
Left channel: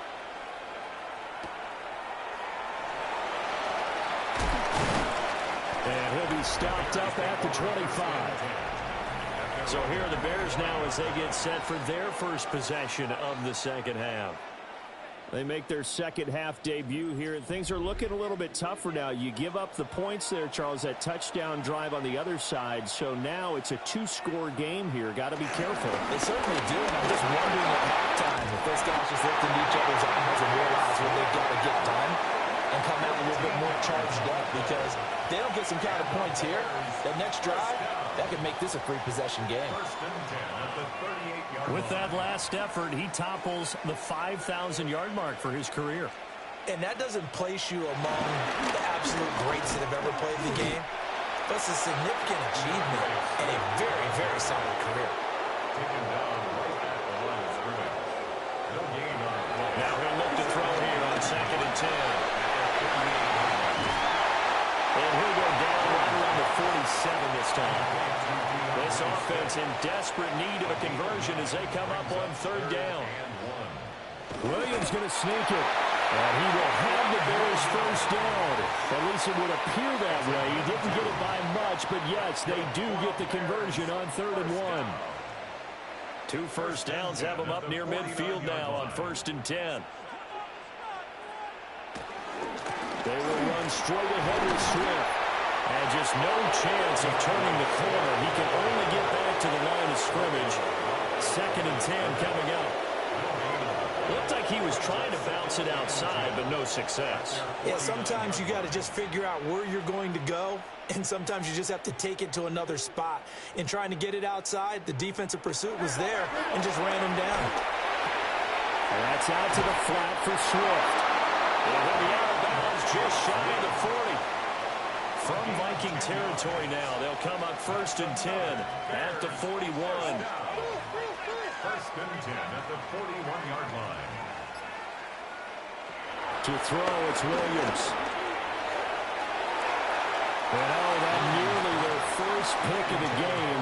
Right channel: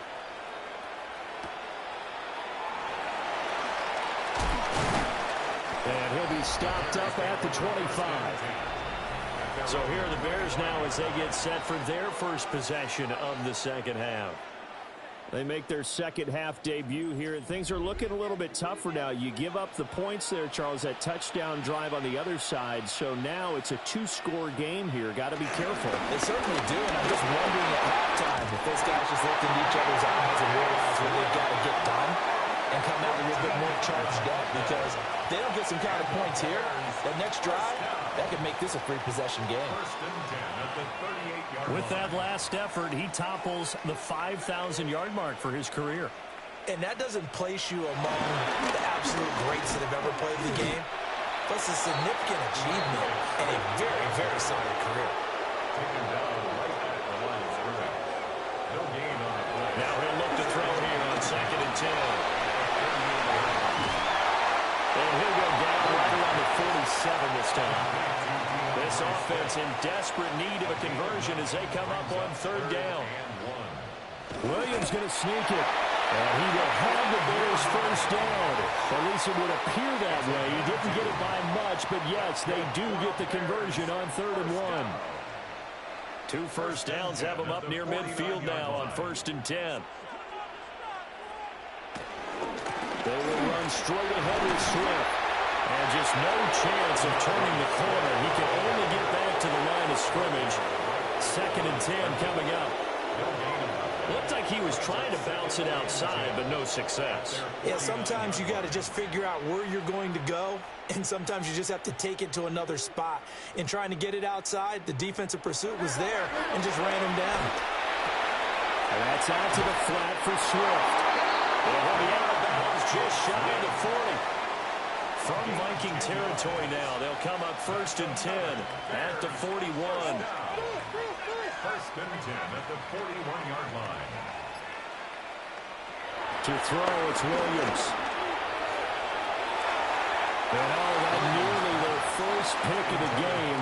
And he'll be stopped up at the 25. So here are the Bears now as they get set for their first possession of the second half. They make their second half debut here, and things are looking a little bit tougher now. You give up the points there, Charles, that touchdown drive on the other side. So now it's a two-score game here. Got to be careful. They certainly do, and I'm just wondering at halftime if those guys just looked into each other's eyes and realize what they've got to get done and come out a little bit more charged up, because if they don't get some kind of points here, that next drive, that could make this a free-possession game. With that last effort, he topples the 5,000-yard mark for his career. And that doesn't place you among the absolute greats that have ever played the game, but it's a significant achievement and a very, very solid career. Now he'll look to throw here on 2nd and 10. And he'll go down right around the 47 this time. This offense in desperate need of a conversion as they come up on 3rd down. Williams going to sneak it. And he will have the Bears first down. At least it would appear that way. He didn't get it by much, but yes, they do get the conversion on 3rd and 1. 2 first downs have them up near midfield now on 1st and 10. They will run straight ahead with Swift. And just no chance of turning the corner. He can only get back to the line of scrimmage. 2nd and 10 coming up. Looked like he was trying to bounce it outside, but no success. Yeah, sometimes you got to just figure out where you're going to go, and sometimes you just have to take it to another spot. In trying to get it outside, the defensive pursuit was there and just ran him down. And that's out to the flat for Swift. And he'll be out of bounds just shy of the 40. From Viking territory now, they'll come up 1st and 10 at the 41. 1st and 10 at the 41-yard line. To throw, it's Williams. And that nearly their first pick of the game,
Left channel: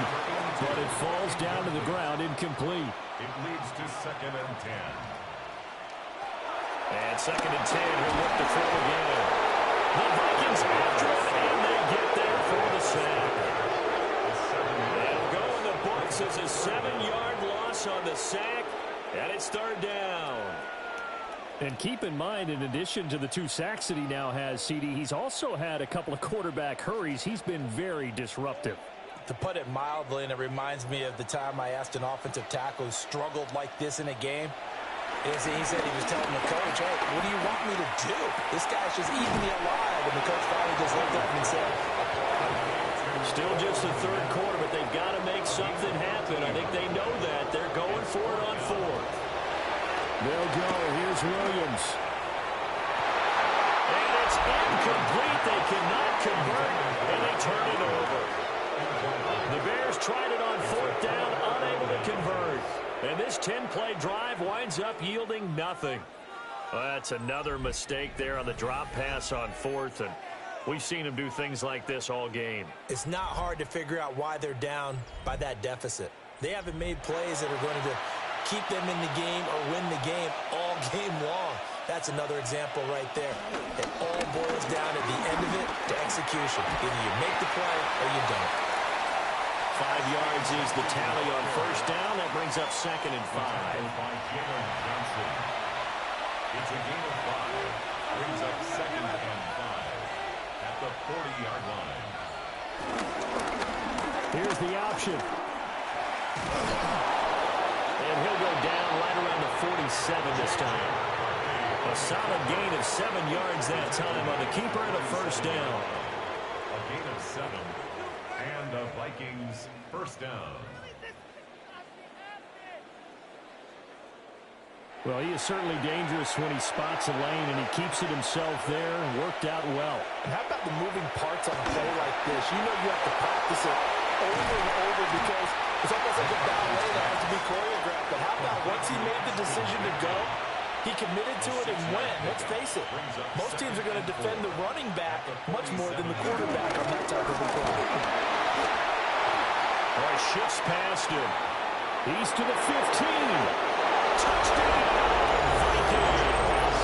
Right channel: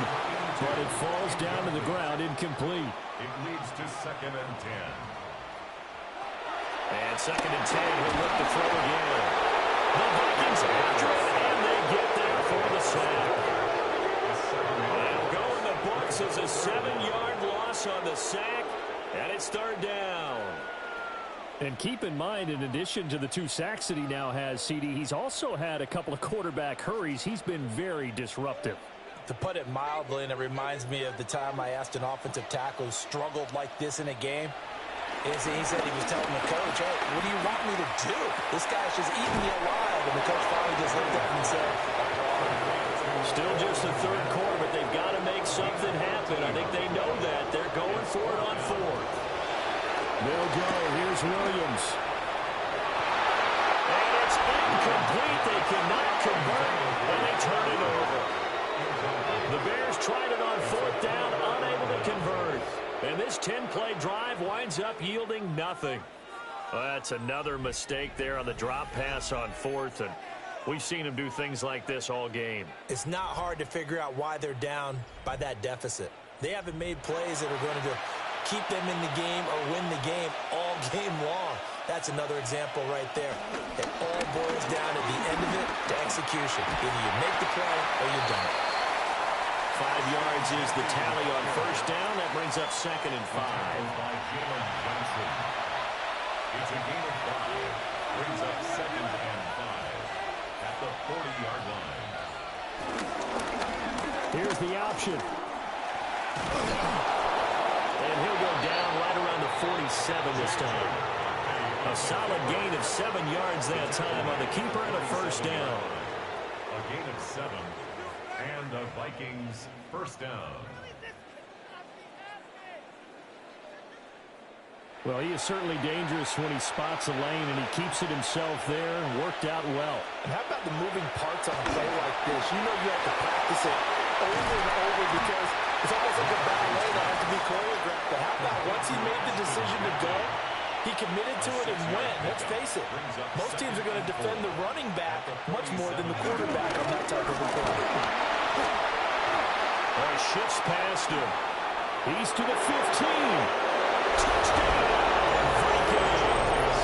but it falls down to the ground incomplete. It leads to 2nd and 10. And 2nd and 10, he'll look to throw again. The Vikings after it, and they get there for the sack. They'll go in the books as a 7-yard loss on the sack, and it's 3rd down. And keep in mind, in addition to the 2 sacks that he now has, CD, he's also had a couple of quarterback hurries. He's been very disruptive. To put it mildly, and it reminds me of the time I asked an offensive tackle who struggled like this in a game. He said he was telling the coach, hey, what do you want me to do? This guy's just eating me alive. And the coach finally just looked at him and said, applaud. Still just the 3rd quarter, but they've got to make something happen. I think they know that. They're going for it on 4th. They'll go. Here's Williams. And it's incomplete. They cannot convert, and they turn it over. The Bears tried it on 4th down, unable to convert. And this 10-play drive winds up yielding nothing. Well, that's another mistake there on the drop pass on 4th, and we've seen him do things like this all game. It's not hard to figure out why they're down by that deficit. They haven't made plays that are going to keep them in the game or win the game all game long. That's another example right there. It all boils down at the end of it to execution. Either you make the play or you don't. 5 yards is the tally on 1st down. That brings up 2nd and 5. By Jalen Johnson. It's a gain of 5. Brings up 2nd and 5 at the 40-yard line. Here's the option. And he'll go down right around the 47 this time. A solid gain of 7 yards that time on the keeper and a 1st down. A gain of 7. And the Vikings first down. Well, he is certainly dangerous when he spots a lane, and he keeps it himself there. Worked out well. And how about the moving parts on a play like this? You know you have to practice it over and over because it's almost like a ballet that has to be choreographed. But how about once he made the decision to go, he committed to it and went. Let's face it, most teams are going to defend the running back much more than the quarterback on that type of a play. Oh, he shifts past him. He's to the 15. Touchdown, Vikings.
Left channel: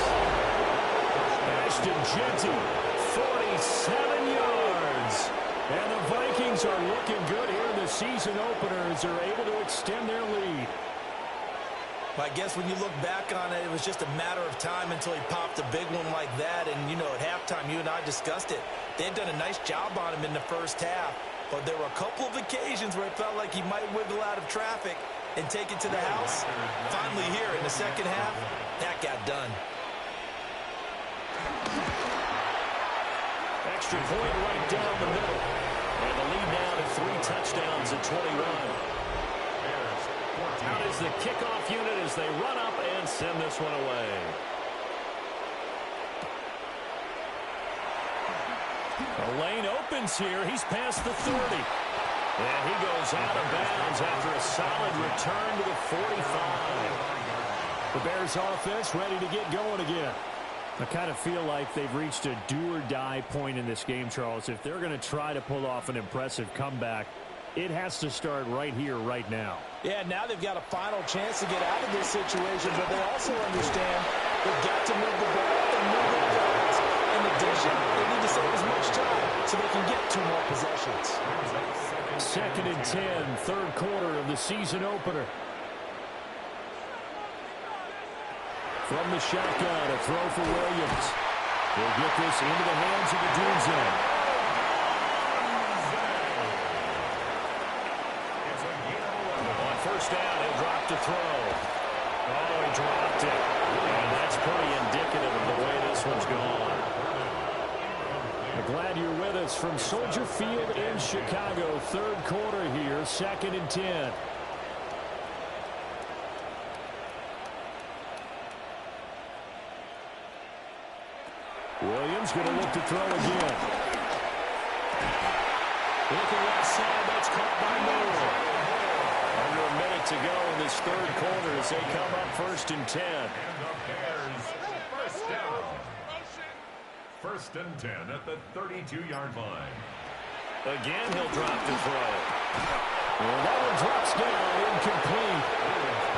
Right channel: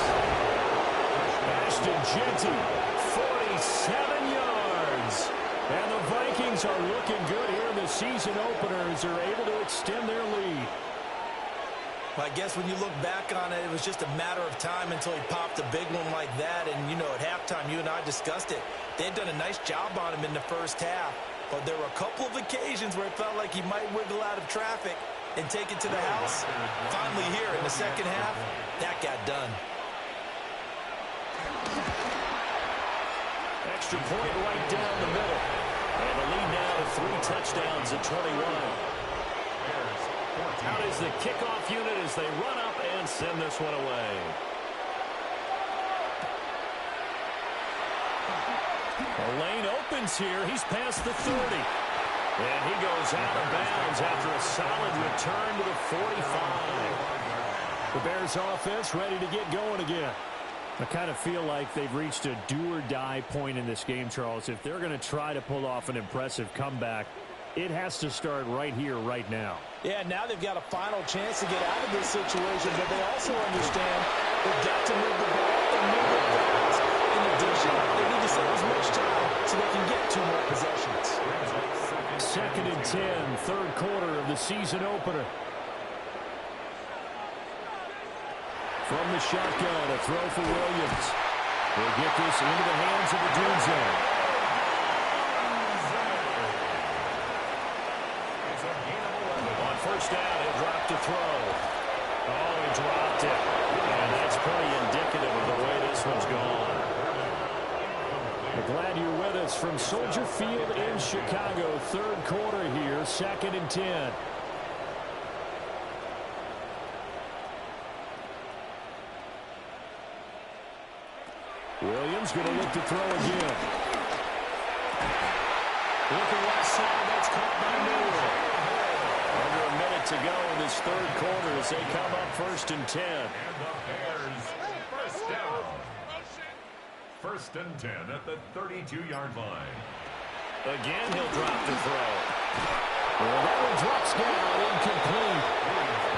Ashton Jeanty, 47 yards. yards. And the Vikings are looking good here in the season opener as they're able to extend their lead. Well, I guess when you look back on it, it was just a matter of time until he popped a big one like that. And, you know, at halftime, you and I discussed it. They had done a nice job on him in the first half. But there were a couple of occasions where it felt like he might wiggle out of traffic and take it to the house. Finally here in the second half, that got done. Extra point right down the middle. And the lead now to 3 touchdowns at 21. Out is the kickoff unit as they run up and send this one away. The lane opens here. He's past the 30. And he goes out of bounds after a solid return to the 45. The Bears offense ready to get going again. I kind of feel like they've reached a do-or-die point in this game, Charles. If they're going to try to pull off an impressive comeback, it has to start right here, right now. Yeah, now they've got a final chance to get out of this situation, but they also understand they've got to move the ball and move it fast. In addition, they need to save as much time so they can get 2 more possessions. 2nd and 10, third quarter of the season opener. From the shotgun, a throw for Williams. They'll get this into the hands of Adunze. On first down, he'll drop to throw. Oh, he dropped it. And that's pretty indicative of the way this one's gone. I'm glad you're with us from Soldier Field in Chicago. Third quarter here, 2nd and 10. Williams going to look to throw again. Looking left side, that's caught by Moore. Under a minute to go in this third quarter as they come up 1st and 10. And the Bears, first down. 1st and 10 at the 32-yard line. Again, he'll drop to throw. Well, that one drops down, incomplete.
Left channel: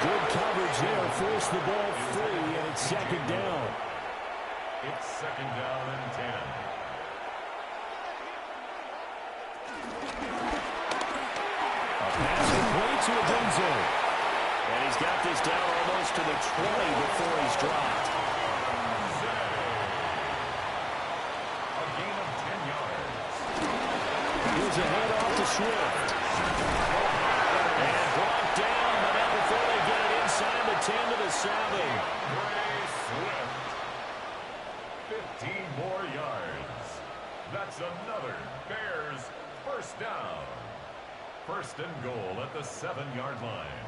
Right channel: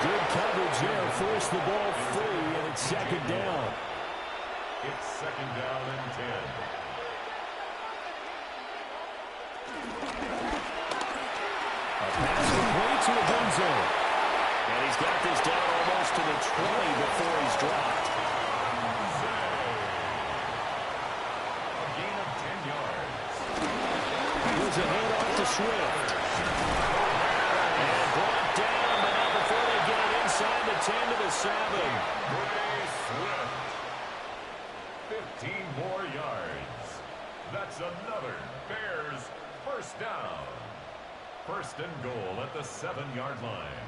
Good coverage there, forced the ball free, and it's 2nd down. It's 2nd down and 10. A pass complete to Adunze. And he's got this down almost to the 20 before he's dropped. A gain of 10 yards. Here's a handoff to Swift. And brought down, but now before they get it inside the 10 to the 7. Bray Swift. 15 more yards. That's another Bears first down. 1st and goal at the 7-yard line.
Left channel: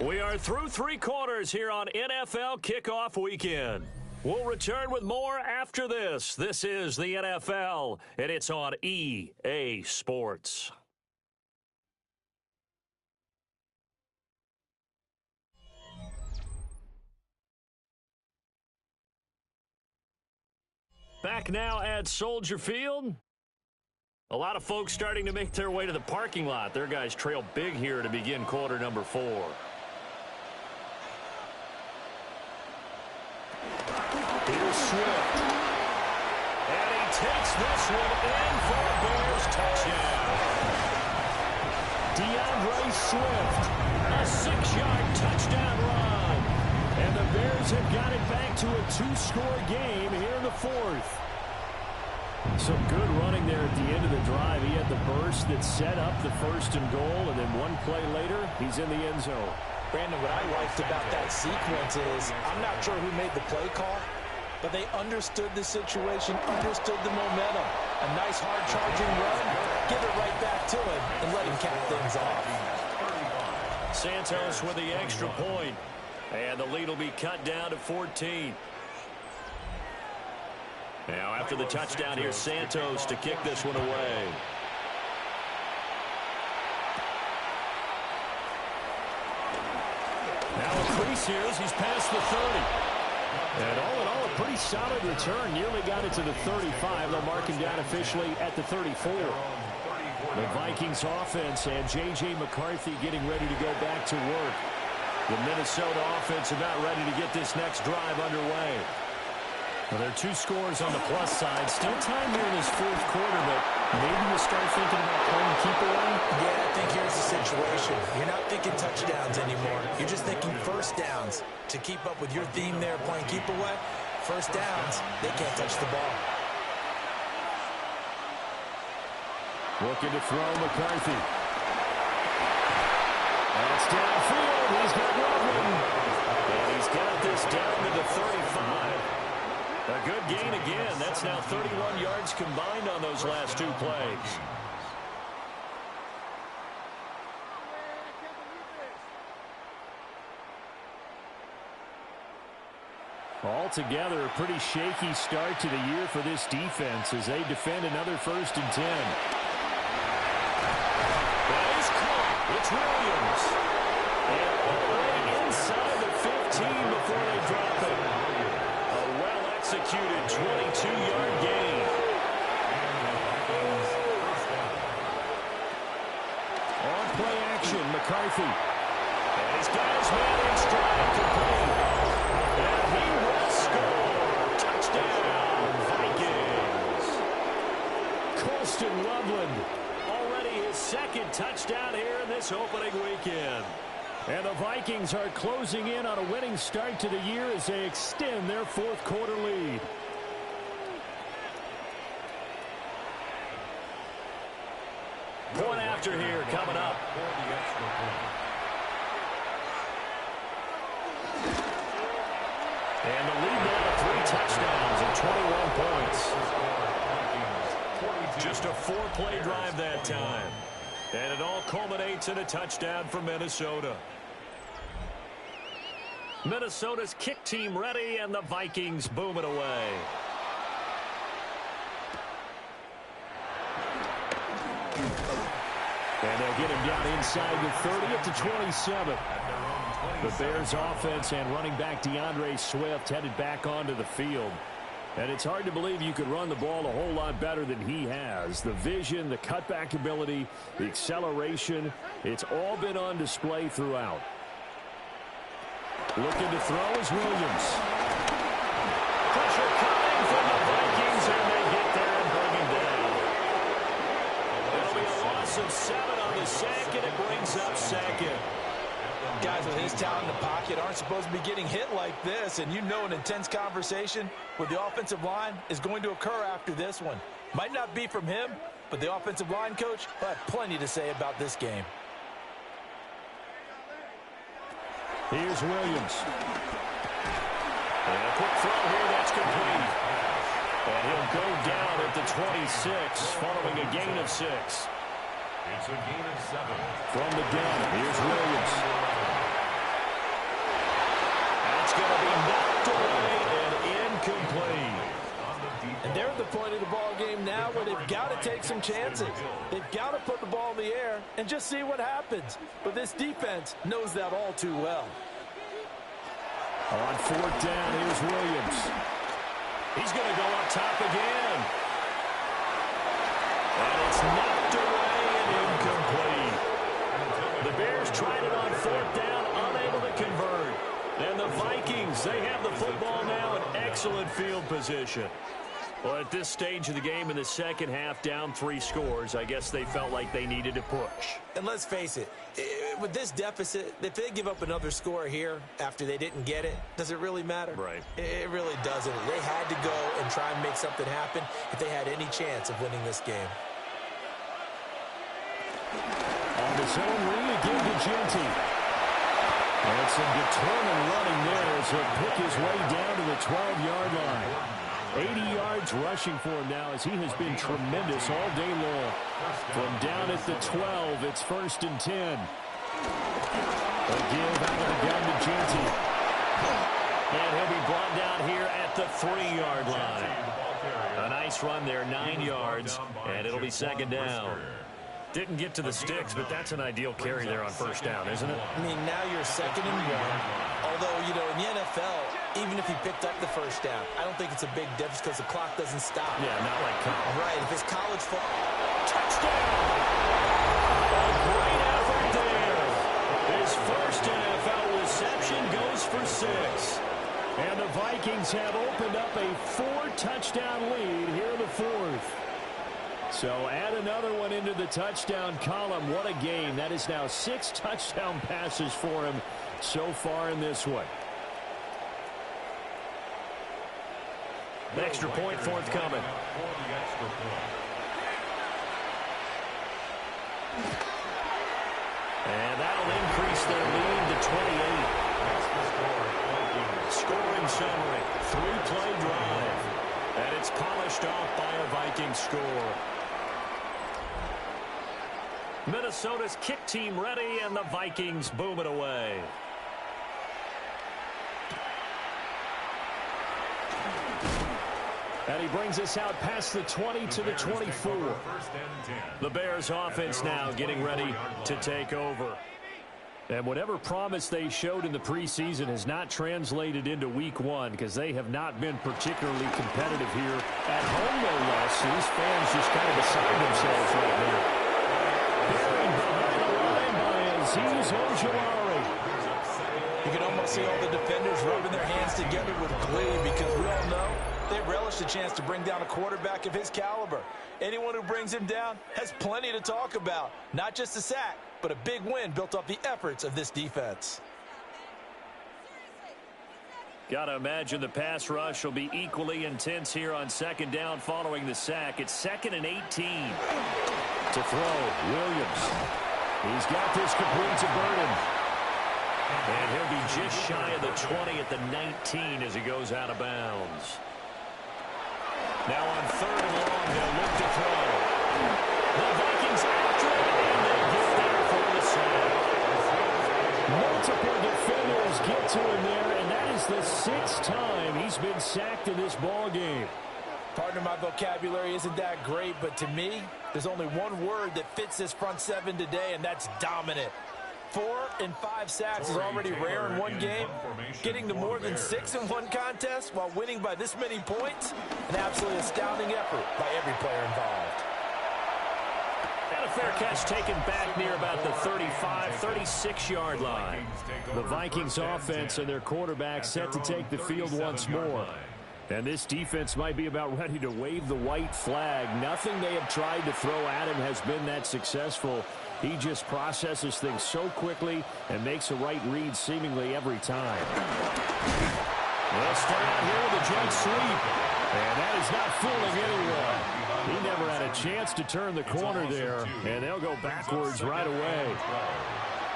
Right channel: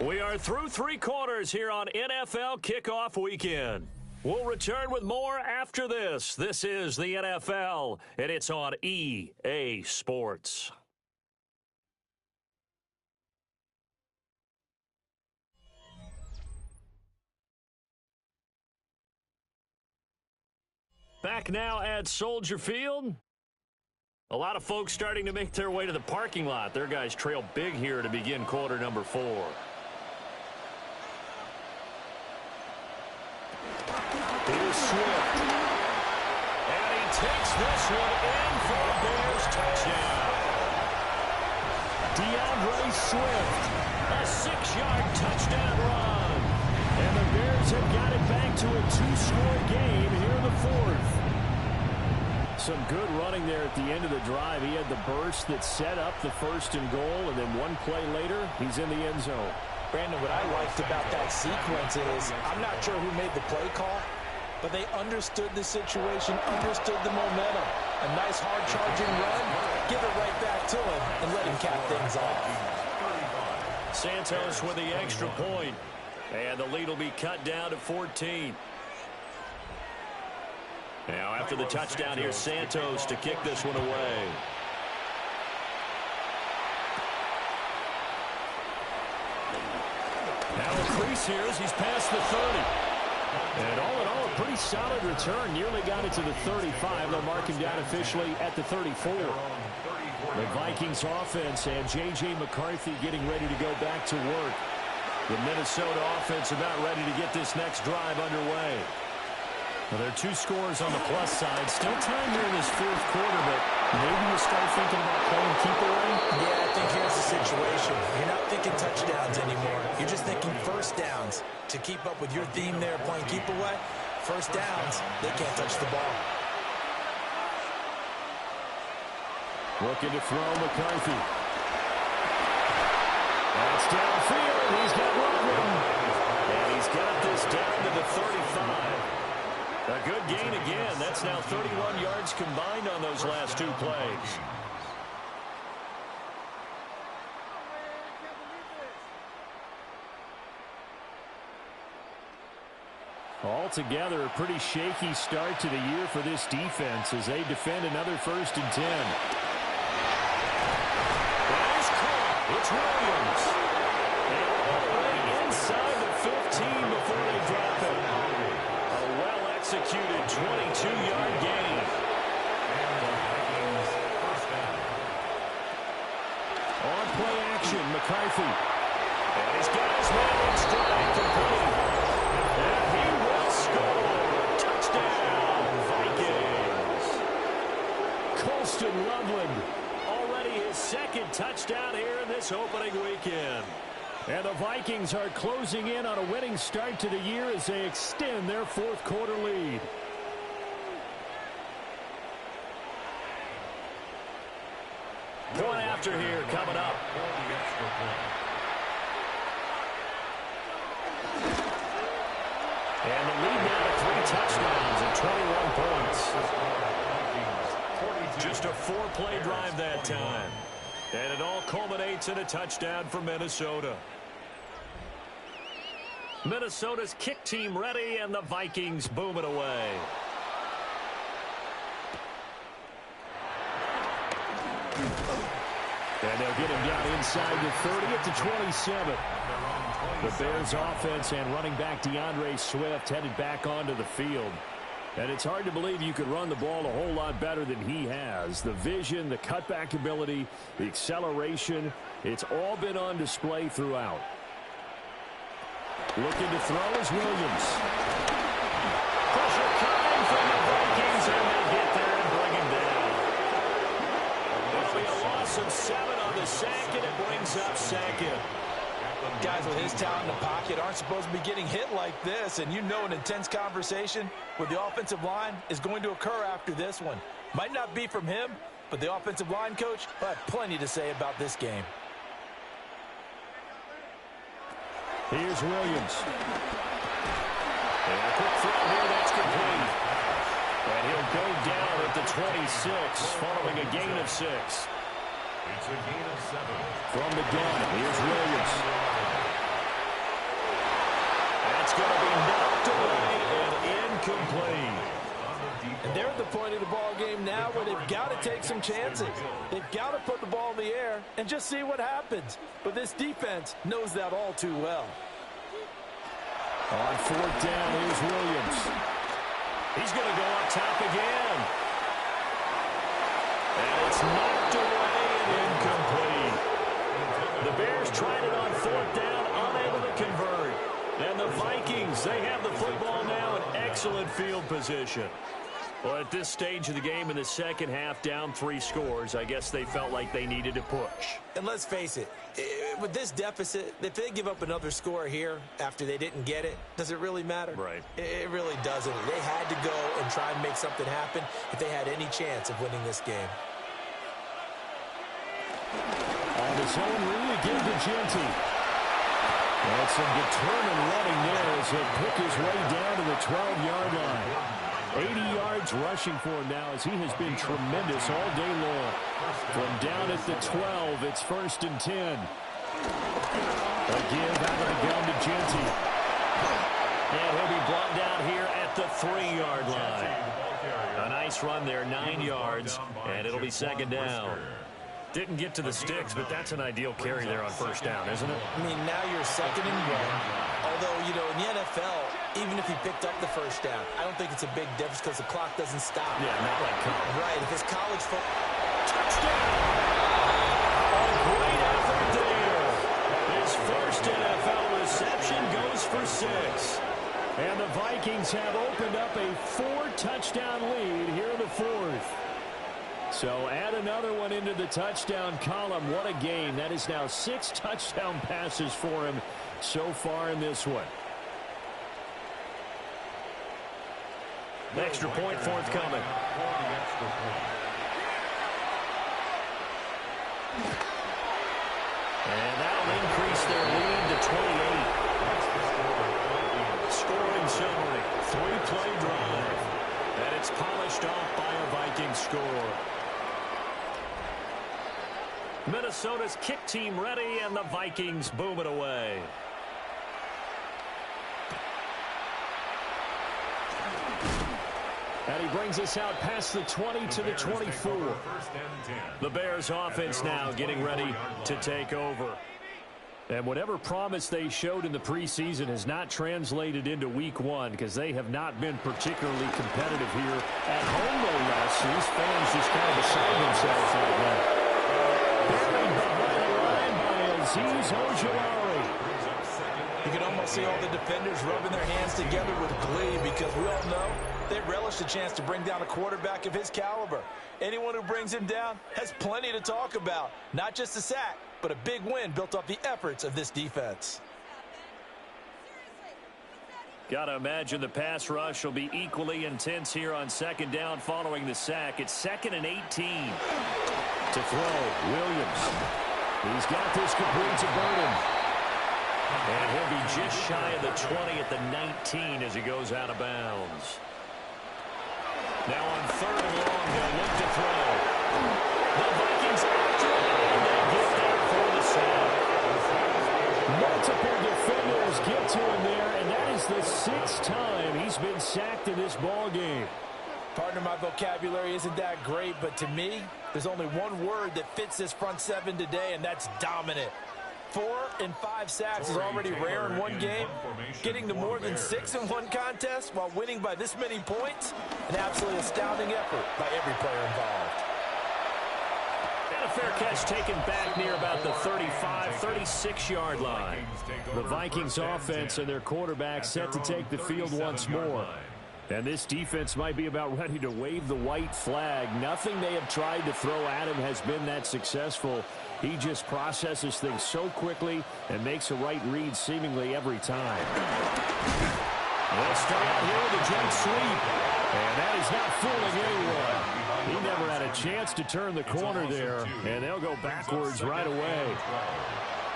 We are through 3 quarters here on NFL Kickoff Weekend. We'll return with more after this. This is the NFL, and it's on EA Sports. Back now at Soldier Field. A lot of folks starting to make their way to the parking lot. Their guys trail big here to begin quarter number 4. Here's Swift. And he takes this one in for a Bears touchdown. DeAndre Swift, a 6-yard touchdown run. And the Bears have got it back to a 2-score game here in the 4th. Some good running there at the end of the drive. He had the burst that set up the 1st and goal, and then one play later, he's in the end zone. Brandon, what I liked about that sequence is I'm not sure who made the play call, but they understood the situation, understood the momentum. A nice hard-charging run, give it right back to him, and let him cap things off. Santos with the extra point, and the lead will be cut down to 14. Now, after the touchdown, here's Santos to kick this one away. Now a crease here as he's past the 30. And all in all, a pretty solid return. Nearly got it to the 35. They'll mark him down officially at the 34. The Vikings offense and J.J. McCarthy getting ready to go back to work. The Minnesota offense about ready to get this next drive underway. Well, there are 2 scores on the plus side. Still time here in this fourth quarter, but maybe you start thinking about playing keep away? Yeah, I think here's the situation. You're not thinking touchdowns anymore. You're just thinking first downs. To keep up with your theme there, playing keep away, first downs, they can't touch the ball. Looking to throw McCarthy. That's downfield. He's got Loveland. And he's got this down to the 35. A good gain again. That's now 31 yards combined on those last 2 plays. Altogether, a pretty shaky start to the year for this defense as they defend another 1st and 10. That is caught. It's Williams. And all the way inside the 15 before they drop it. A well-executed 22-yard gain. And the Vikings first down. On play action, McCarthy. And he's got his man in stride, complete. And he will score. Touchdown, Vikings. Colston Loveland, already his 2nd touchdown here in this opening weekend. And the Vikings are closing in on a winning start to the year as they extend their 4th quarter lead. Point after here coming up. For the extra point. And the lead now to 3 touchdowns and 21 points. Just a 4-play drive that time. And it all culminates in a touchdown for Minnesota. Minnesota's kick team ready, and the Vikings boom it away. And they'll get him down inside the 30 at the 27. The Bears offense and running back DeAndre Swift headed back onto the field. And it's hard to believe you could run the ball a whole lot better than he has. The vision, the cutback ability, the acceleration, it's all been on display throughout. Looking to throw is Williams. Pressure coming from the Vikings, and they get there and bring him down. It'll be a loss of 7 on the sack, and it brings up 2nd. Guys with his talent in the pocket aren't supposed to be getting hit like this, and you know an intense conversation with the offensive line is going to occur after this one. Might not be from him, but the offensive line coach will have plenty to say about this game. Here's Williams. And a quick throw here that's complete. And he'll go down at the 26 following a gain of 6. It's a gain of 7. From the gun, here's Williams. That's going to be knocked away and incomplete. And they're at the point of the ball game now where they've got to take some chances. They've got to put the ball in the air and just see what happens. But this defense knows that all too well. On 4th down, here's Williams. He's going to go up top again. And it's knocked away and incomplete. The Bears tried it on 4th down, unable to convert. And the Vikings, they have the football now in excellent field position. Well, at this stage of the game in the second half, down 3 scores, I guess they felt like they needed to push. And let's face it, with this deficit, if they give up another score here after they didn't get it, does it really matter? Right. It really doesn't. They had to go and try and make something happen if they had any chance of winning this game. On the zone read again to Genty. And some determined running there as he'll pick his way down to the 12-yard line. 80 yards rushing for him now as he has been tremendous all day long. From down at the 12, it's 1st and 10. A give out of the gun to Genty. And he'll be brought down here at the 3-yard line. A nice run there, 9 yards, and it'll be 2nd down. Didn't get to the sticks, but that's an ideal carry there on 1st down, isn't it? I mean, now you're 2nd and 1. Although, you know, in the NFL, even if he picked up the 1st down, I don't think it's a big difference because the clock doesn't stop. Yeah, not like college. Right, if it's college football. Touchdown! A great effort there. His first NFL reception goes for 6. And the Vikings have opened up a 4-touchdown lead here in the fourth. So add another one into the touchdown column. What a game. That is now 6 touchdown passes for him so far in this one. Extra point forthcoming. And that'll increase their lead to 28. Scoring summary. 3-play drive. And it's polished off by a Vikings score. Minnesota's kick team ready, and the Vikings boom it away. And he brings us out past the 20 to the 24. The Bears offense now getting ready to take over. And whatever promise they showed in the preseason has not translated into week one, because they have not been particularly competitive here at home, no less. These fans just kind of beside themselves right now. Buried behind the line by Azeez Ojulari. You can almost see all the defenders rubbing their hands together with glee, because we all know they relish the chance to bring down a quarterback of his caliber. Anyone who brings him down has plenty to talk about. Not just a sack, but a big win built off the efforts of this defense. Got to imagine the pass rush will be equally intense here on second down following the sack. It's 2nd and 18. To throw, Williams. He's got this complete to Burden. And he'll be just shy of the 20 at the 19 as he goes out of bounds. Now on 3rd and long, they'll look to throw. The Vikings after it, and they get there for the sack. Multiple defenders get to him there, and that is the 6th time he's been sacked in this ball game. Pardon my vocabulary isn't that great, but to me, there's only one word that fits this front seven today, and that's dominant. 4 and 5 sacks is already rare in one game. Getting to more than 6 in one contest while winning by this many points, an absolutely astounding effort by every player involved. And a fair catch taken back near about the 35, 36-yard line. The Vikings offense and their quarterback set to take the field once more. And this defense might be about ready to wave the white flag. Nothing they have tried to throw at him has been that successful. He just processes things so quickly and makes a right read seemingly every time. They'll start out here with a jet sweep. And that is not fooling anyone. He never had a chance to turn the corner there, and they'll go backwards right away.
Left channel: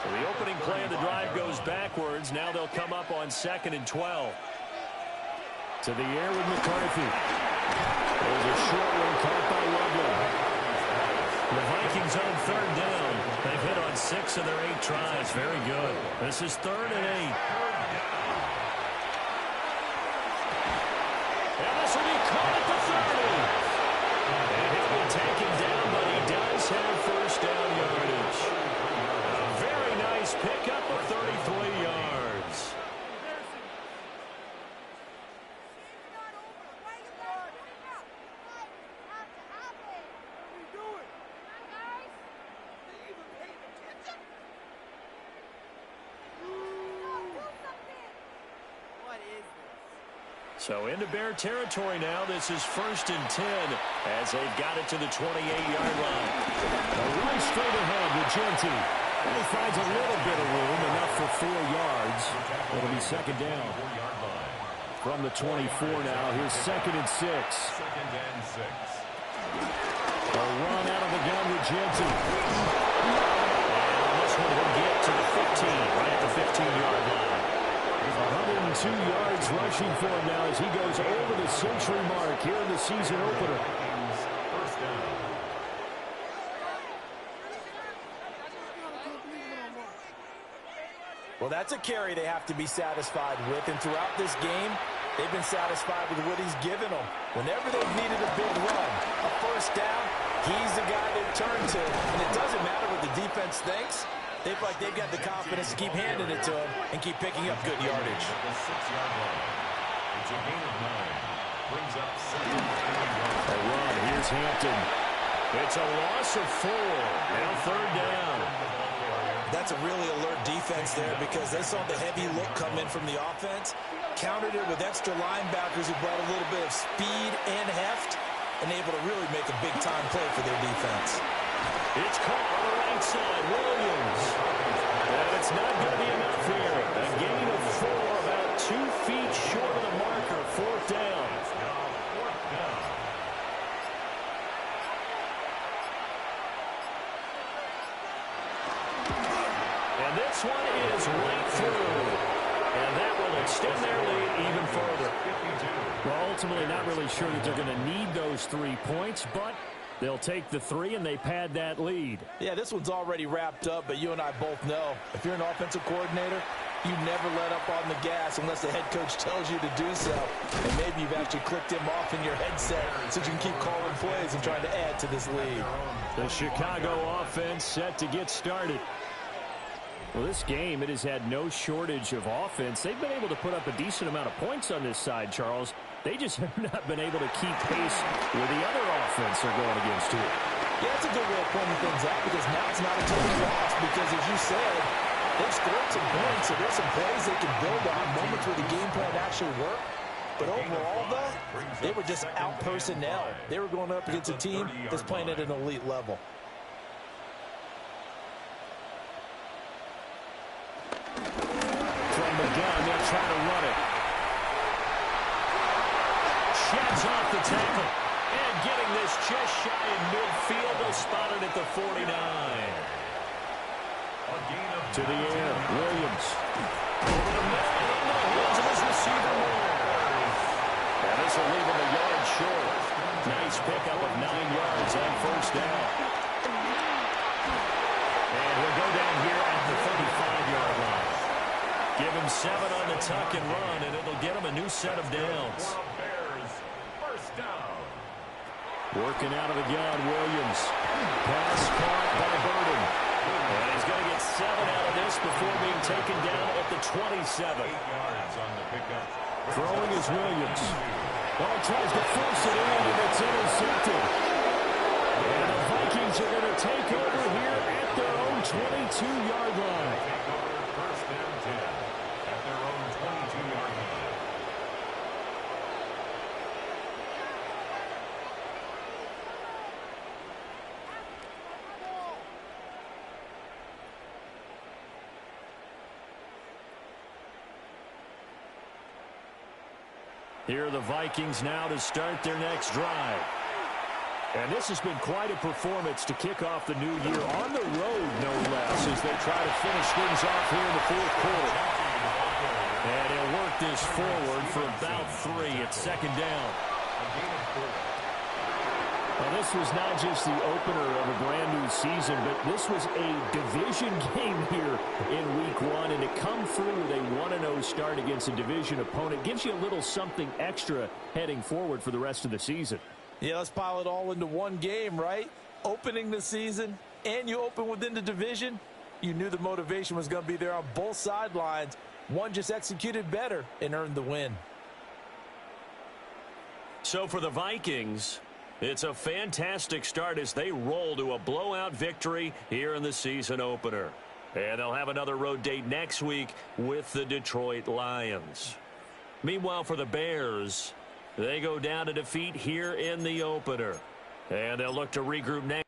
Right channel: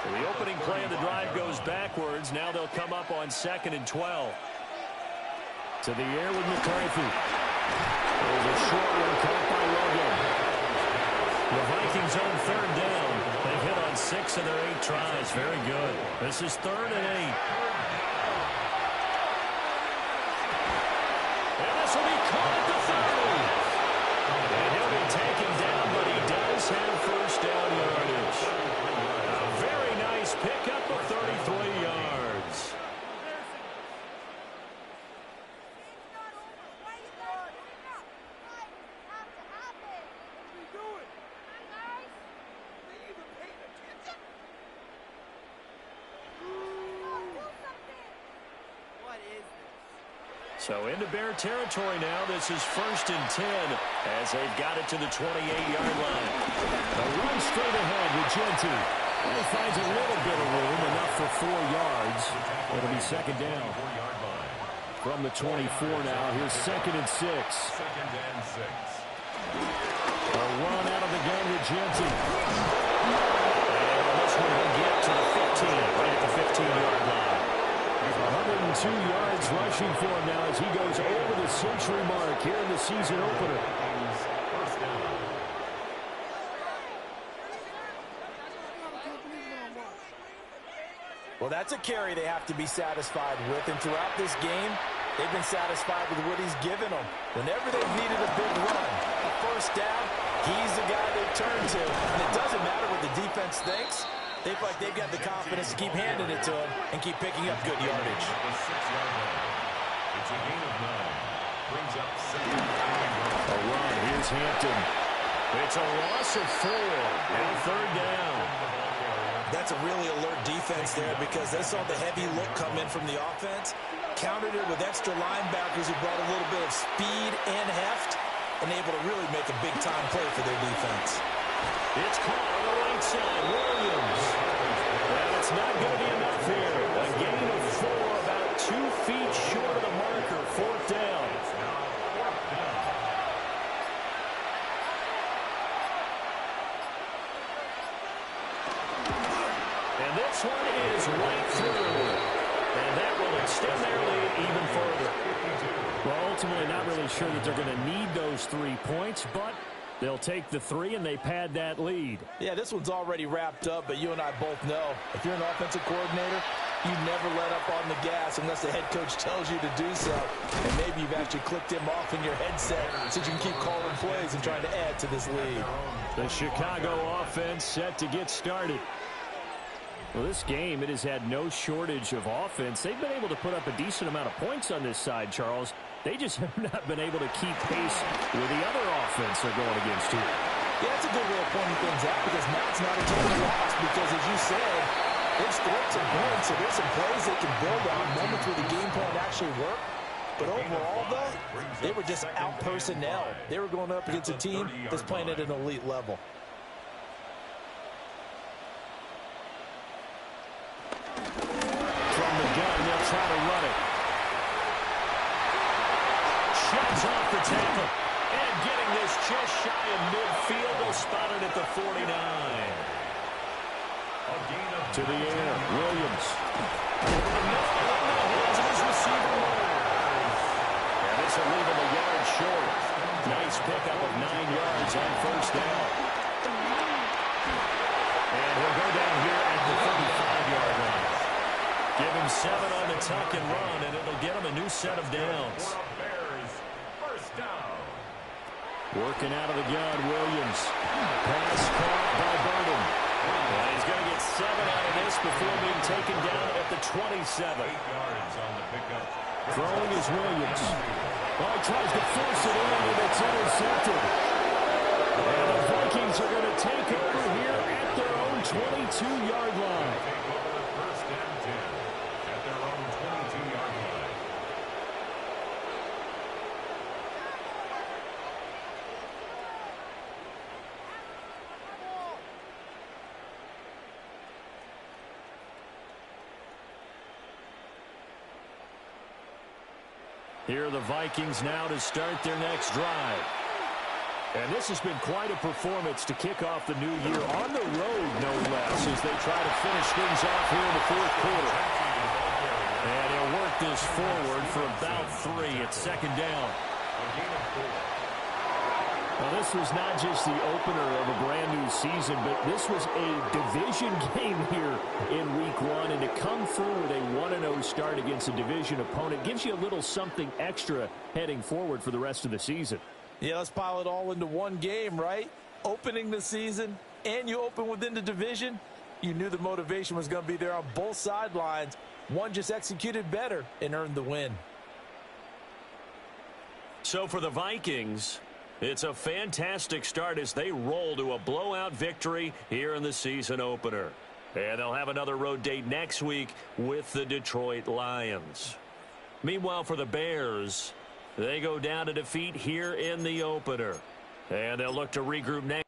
So the opening play of the drive goes backwards. Now they'll come up on 2nd and 12. To the air with McCarthy. There's a short one caught by Logan. The Vikings own 3rd down. They've hit on 6 of their 8 tries. Very good. This is 3rd and 8. And this will be caught at the 30. And he'll be taken down, but he does have first down yardage. A very nice pickup of 33 yards. So into Bear territory now. This is 1st and 10 as they've got it to the 28-yard line. A run straight ahead with Genti. And he finds a little bit of room, enough for 4 yards. It'll be 2nd down. From the 24 now, here's 2nd and 6. 2nd and 6. A run out of the gun with Genti. And on this one, he'll get to the 15, right at the 15-yard line. 102 yards rushing for him now as he goes over the century mark here in the season opener. First down. Well, that's a carry they have to be satisfied with, and throughout this game, they've been satisfied with what he's given them. Whenever they've needed a big run, a first down, he's the guy they've turned to. And it doesn't matter what the defense thinks. They feel like they've got the confidence to keep handing it to him and keep picking up good yardage. The 6-yard line. It's a gain of 9. Brings up 7 yards. A run. Here's Hampton. It's a loss of 4. Now 3rd down. That's a really alert defense there because they saw the heavy look come in from the offense, countered it with extra linebackers who brought a little bit of speed and heft, and able to really make a big-time play for their defense. It's caught on the right side. Williams. And it's not going to be enough here. A gain of 4, about 2 feet short of the marker. 4th down. It's now 4th down. And this one is right through. And that will extend their lead even further. 52. Well, ultimately not really sure that they're going to need those 3 points, but they'll take the 3 and they pad that lead. Yeah, this one's already wrapped up, but you and I both know if you're an offensive coordinator, you never let up on the gas unless the head coach tells you to do so. And maybe you've actually clicked him off in your headset so you can keep calling plays and trying to add to this lead. The Chicago offense set to get started. Well, this game, it has had no shortage of offense. They've been able to put up a decent amount of points on this side, Charles. They just have not been able to keep pace with the other offense they're going against here. Yeah, that's a good way of pointing things out because now it's not a total loss because, as you said, they've scored some points, so there's some plays they can build on, moments where the game plan actually worked. But overall, though, they were just out-personnel. They were going up against a team that's playing at an elite level. From the gun, they'll try to run it. Sheds off the tackle. And getting this just shy of midfield, they'll spot it at the 49. To the air, Williams. Over the middle and into the hands of his receiver, Moore. And this will leave him a yard short. Nice pickup of 9 yards on 1st down. And he'll go down here at the 35-yard line. Give him 7 on the tuck and run, and it'll get him a new set of downs. Bears, 1st down. Working out of the gun, Williams. Pass caught by Burden. And he's going to get 7 out of this before being taken down at the 27. 8 yards on the pickup. Throwing is Williams. Oh, tries to force it in, and it's intercepted. And the Vikings are going to take over here at their own 22-yard line. Take over 1st and 10 at their own 22-yard line. Here are the Vikings now to start their next drive. And this has been quite a performance to kick off the new year on the road, no less, as they try to finish things off here in the 4th quarter. And he'll work this forward for about 3 at 2nd down. A gain of 4. Well, this was not just the opener of a brand new season, but this was a division game here in week 1. And to come through with a 1-0 start against a division opponent gives you a little something extra heading forward for the rest of the season. Yeah, let's pile it all into one game, right? Opening the season, and you open within the division. You knew the motivation was going to be there on both sidelines. One just executed better and earned the win. So for the Vikings, it's a fantastic start as they roll to a blowout victory here in the season opener. And they'll have another road date next week with the Detroit Lions. Meanwhile, for the Bears, they go down to defeat here in the opener. And they'll look to regroup next.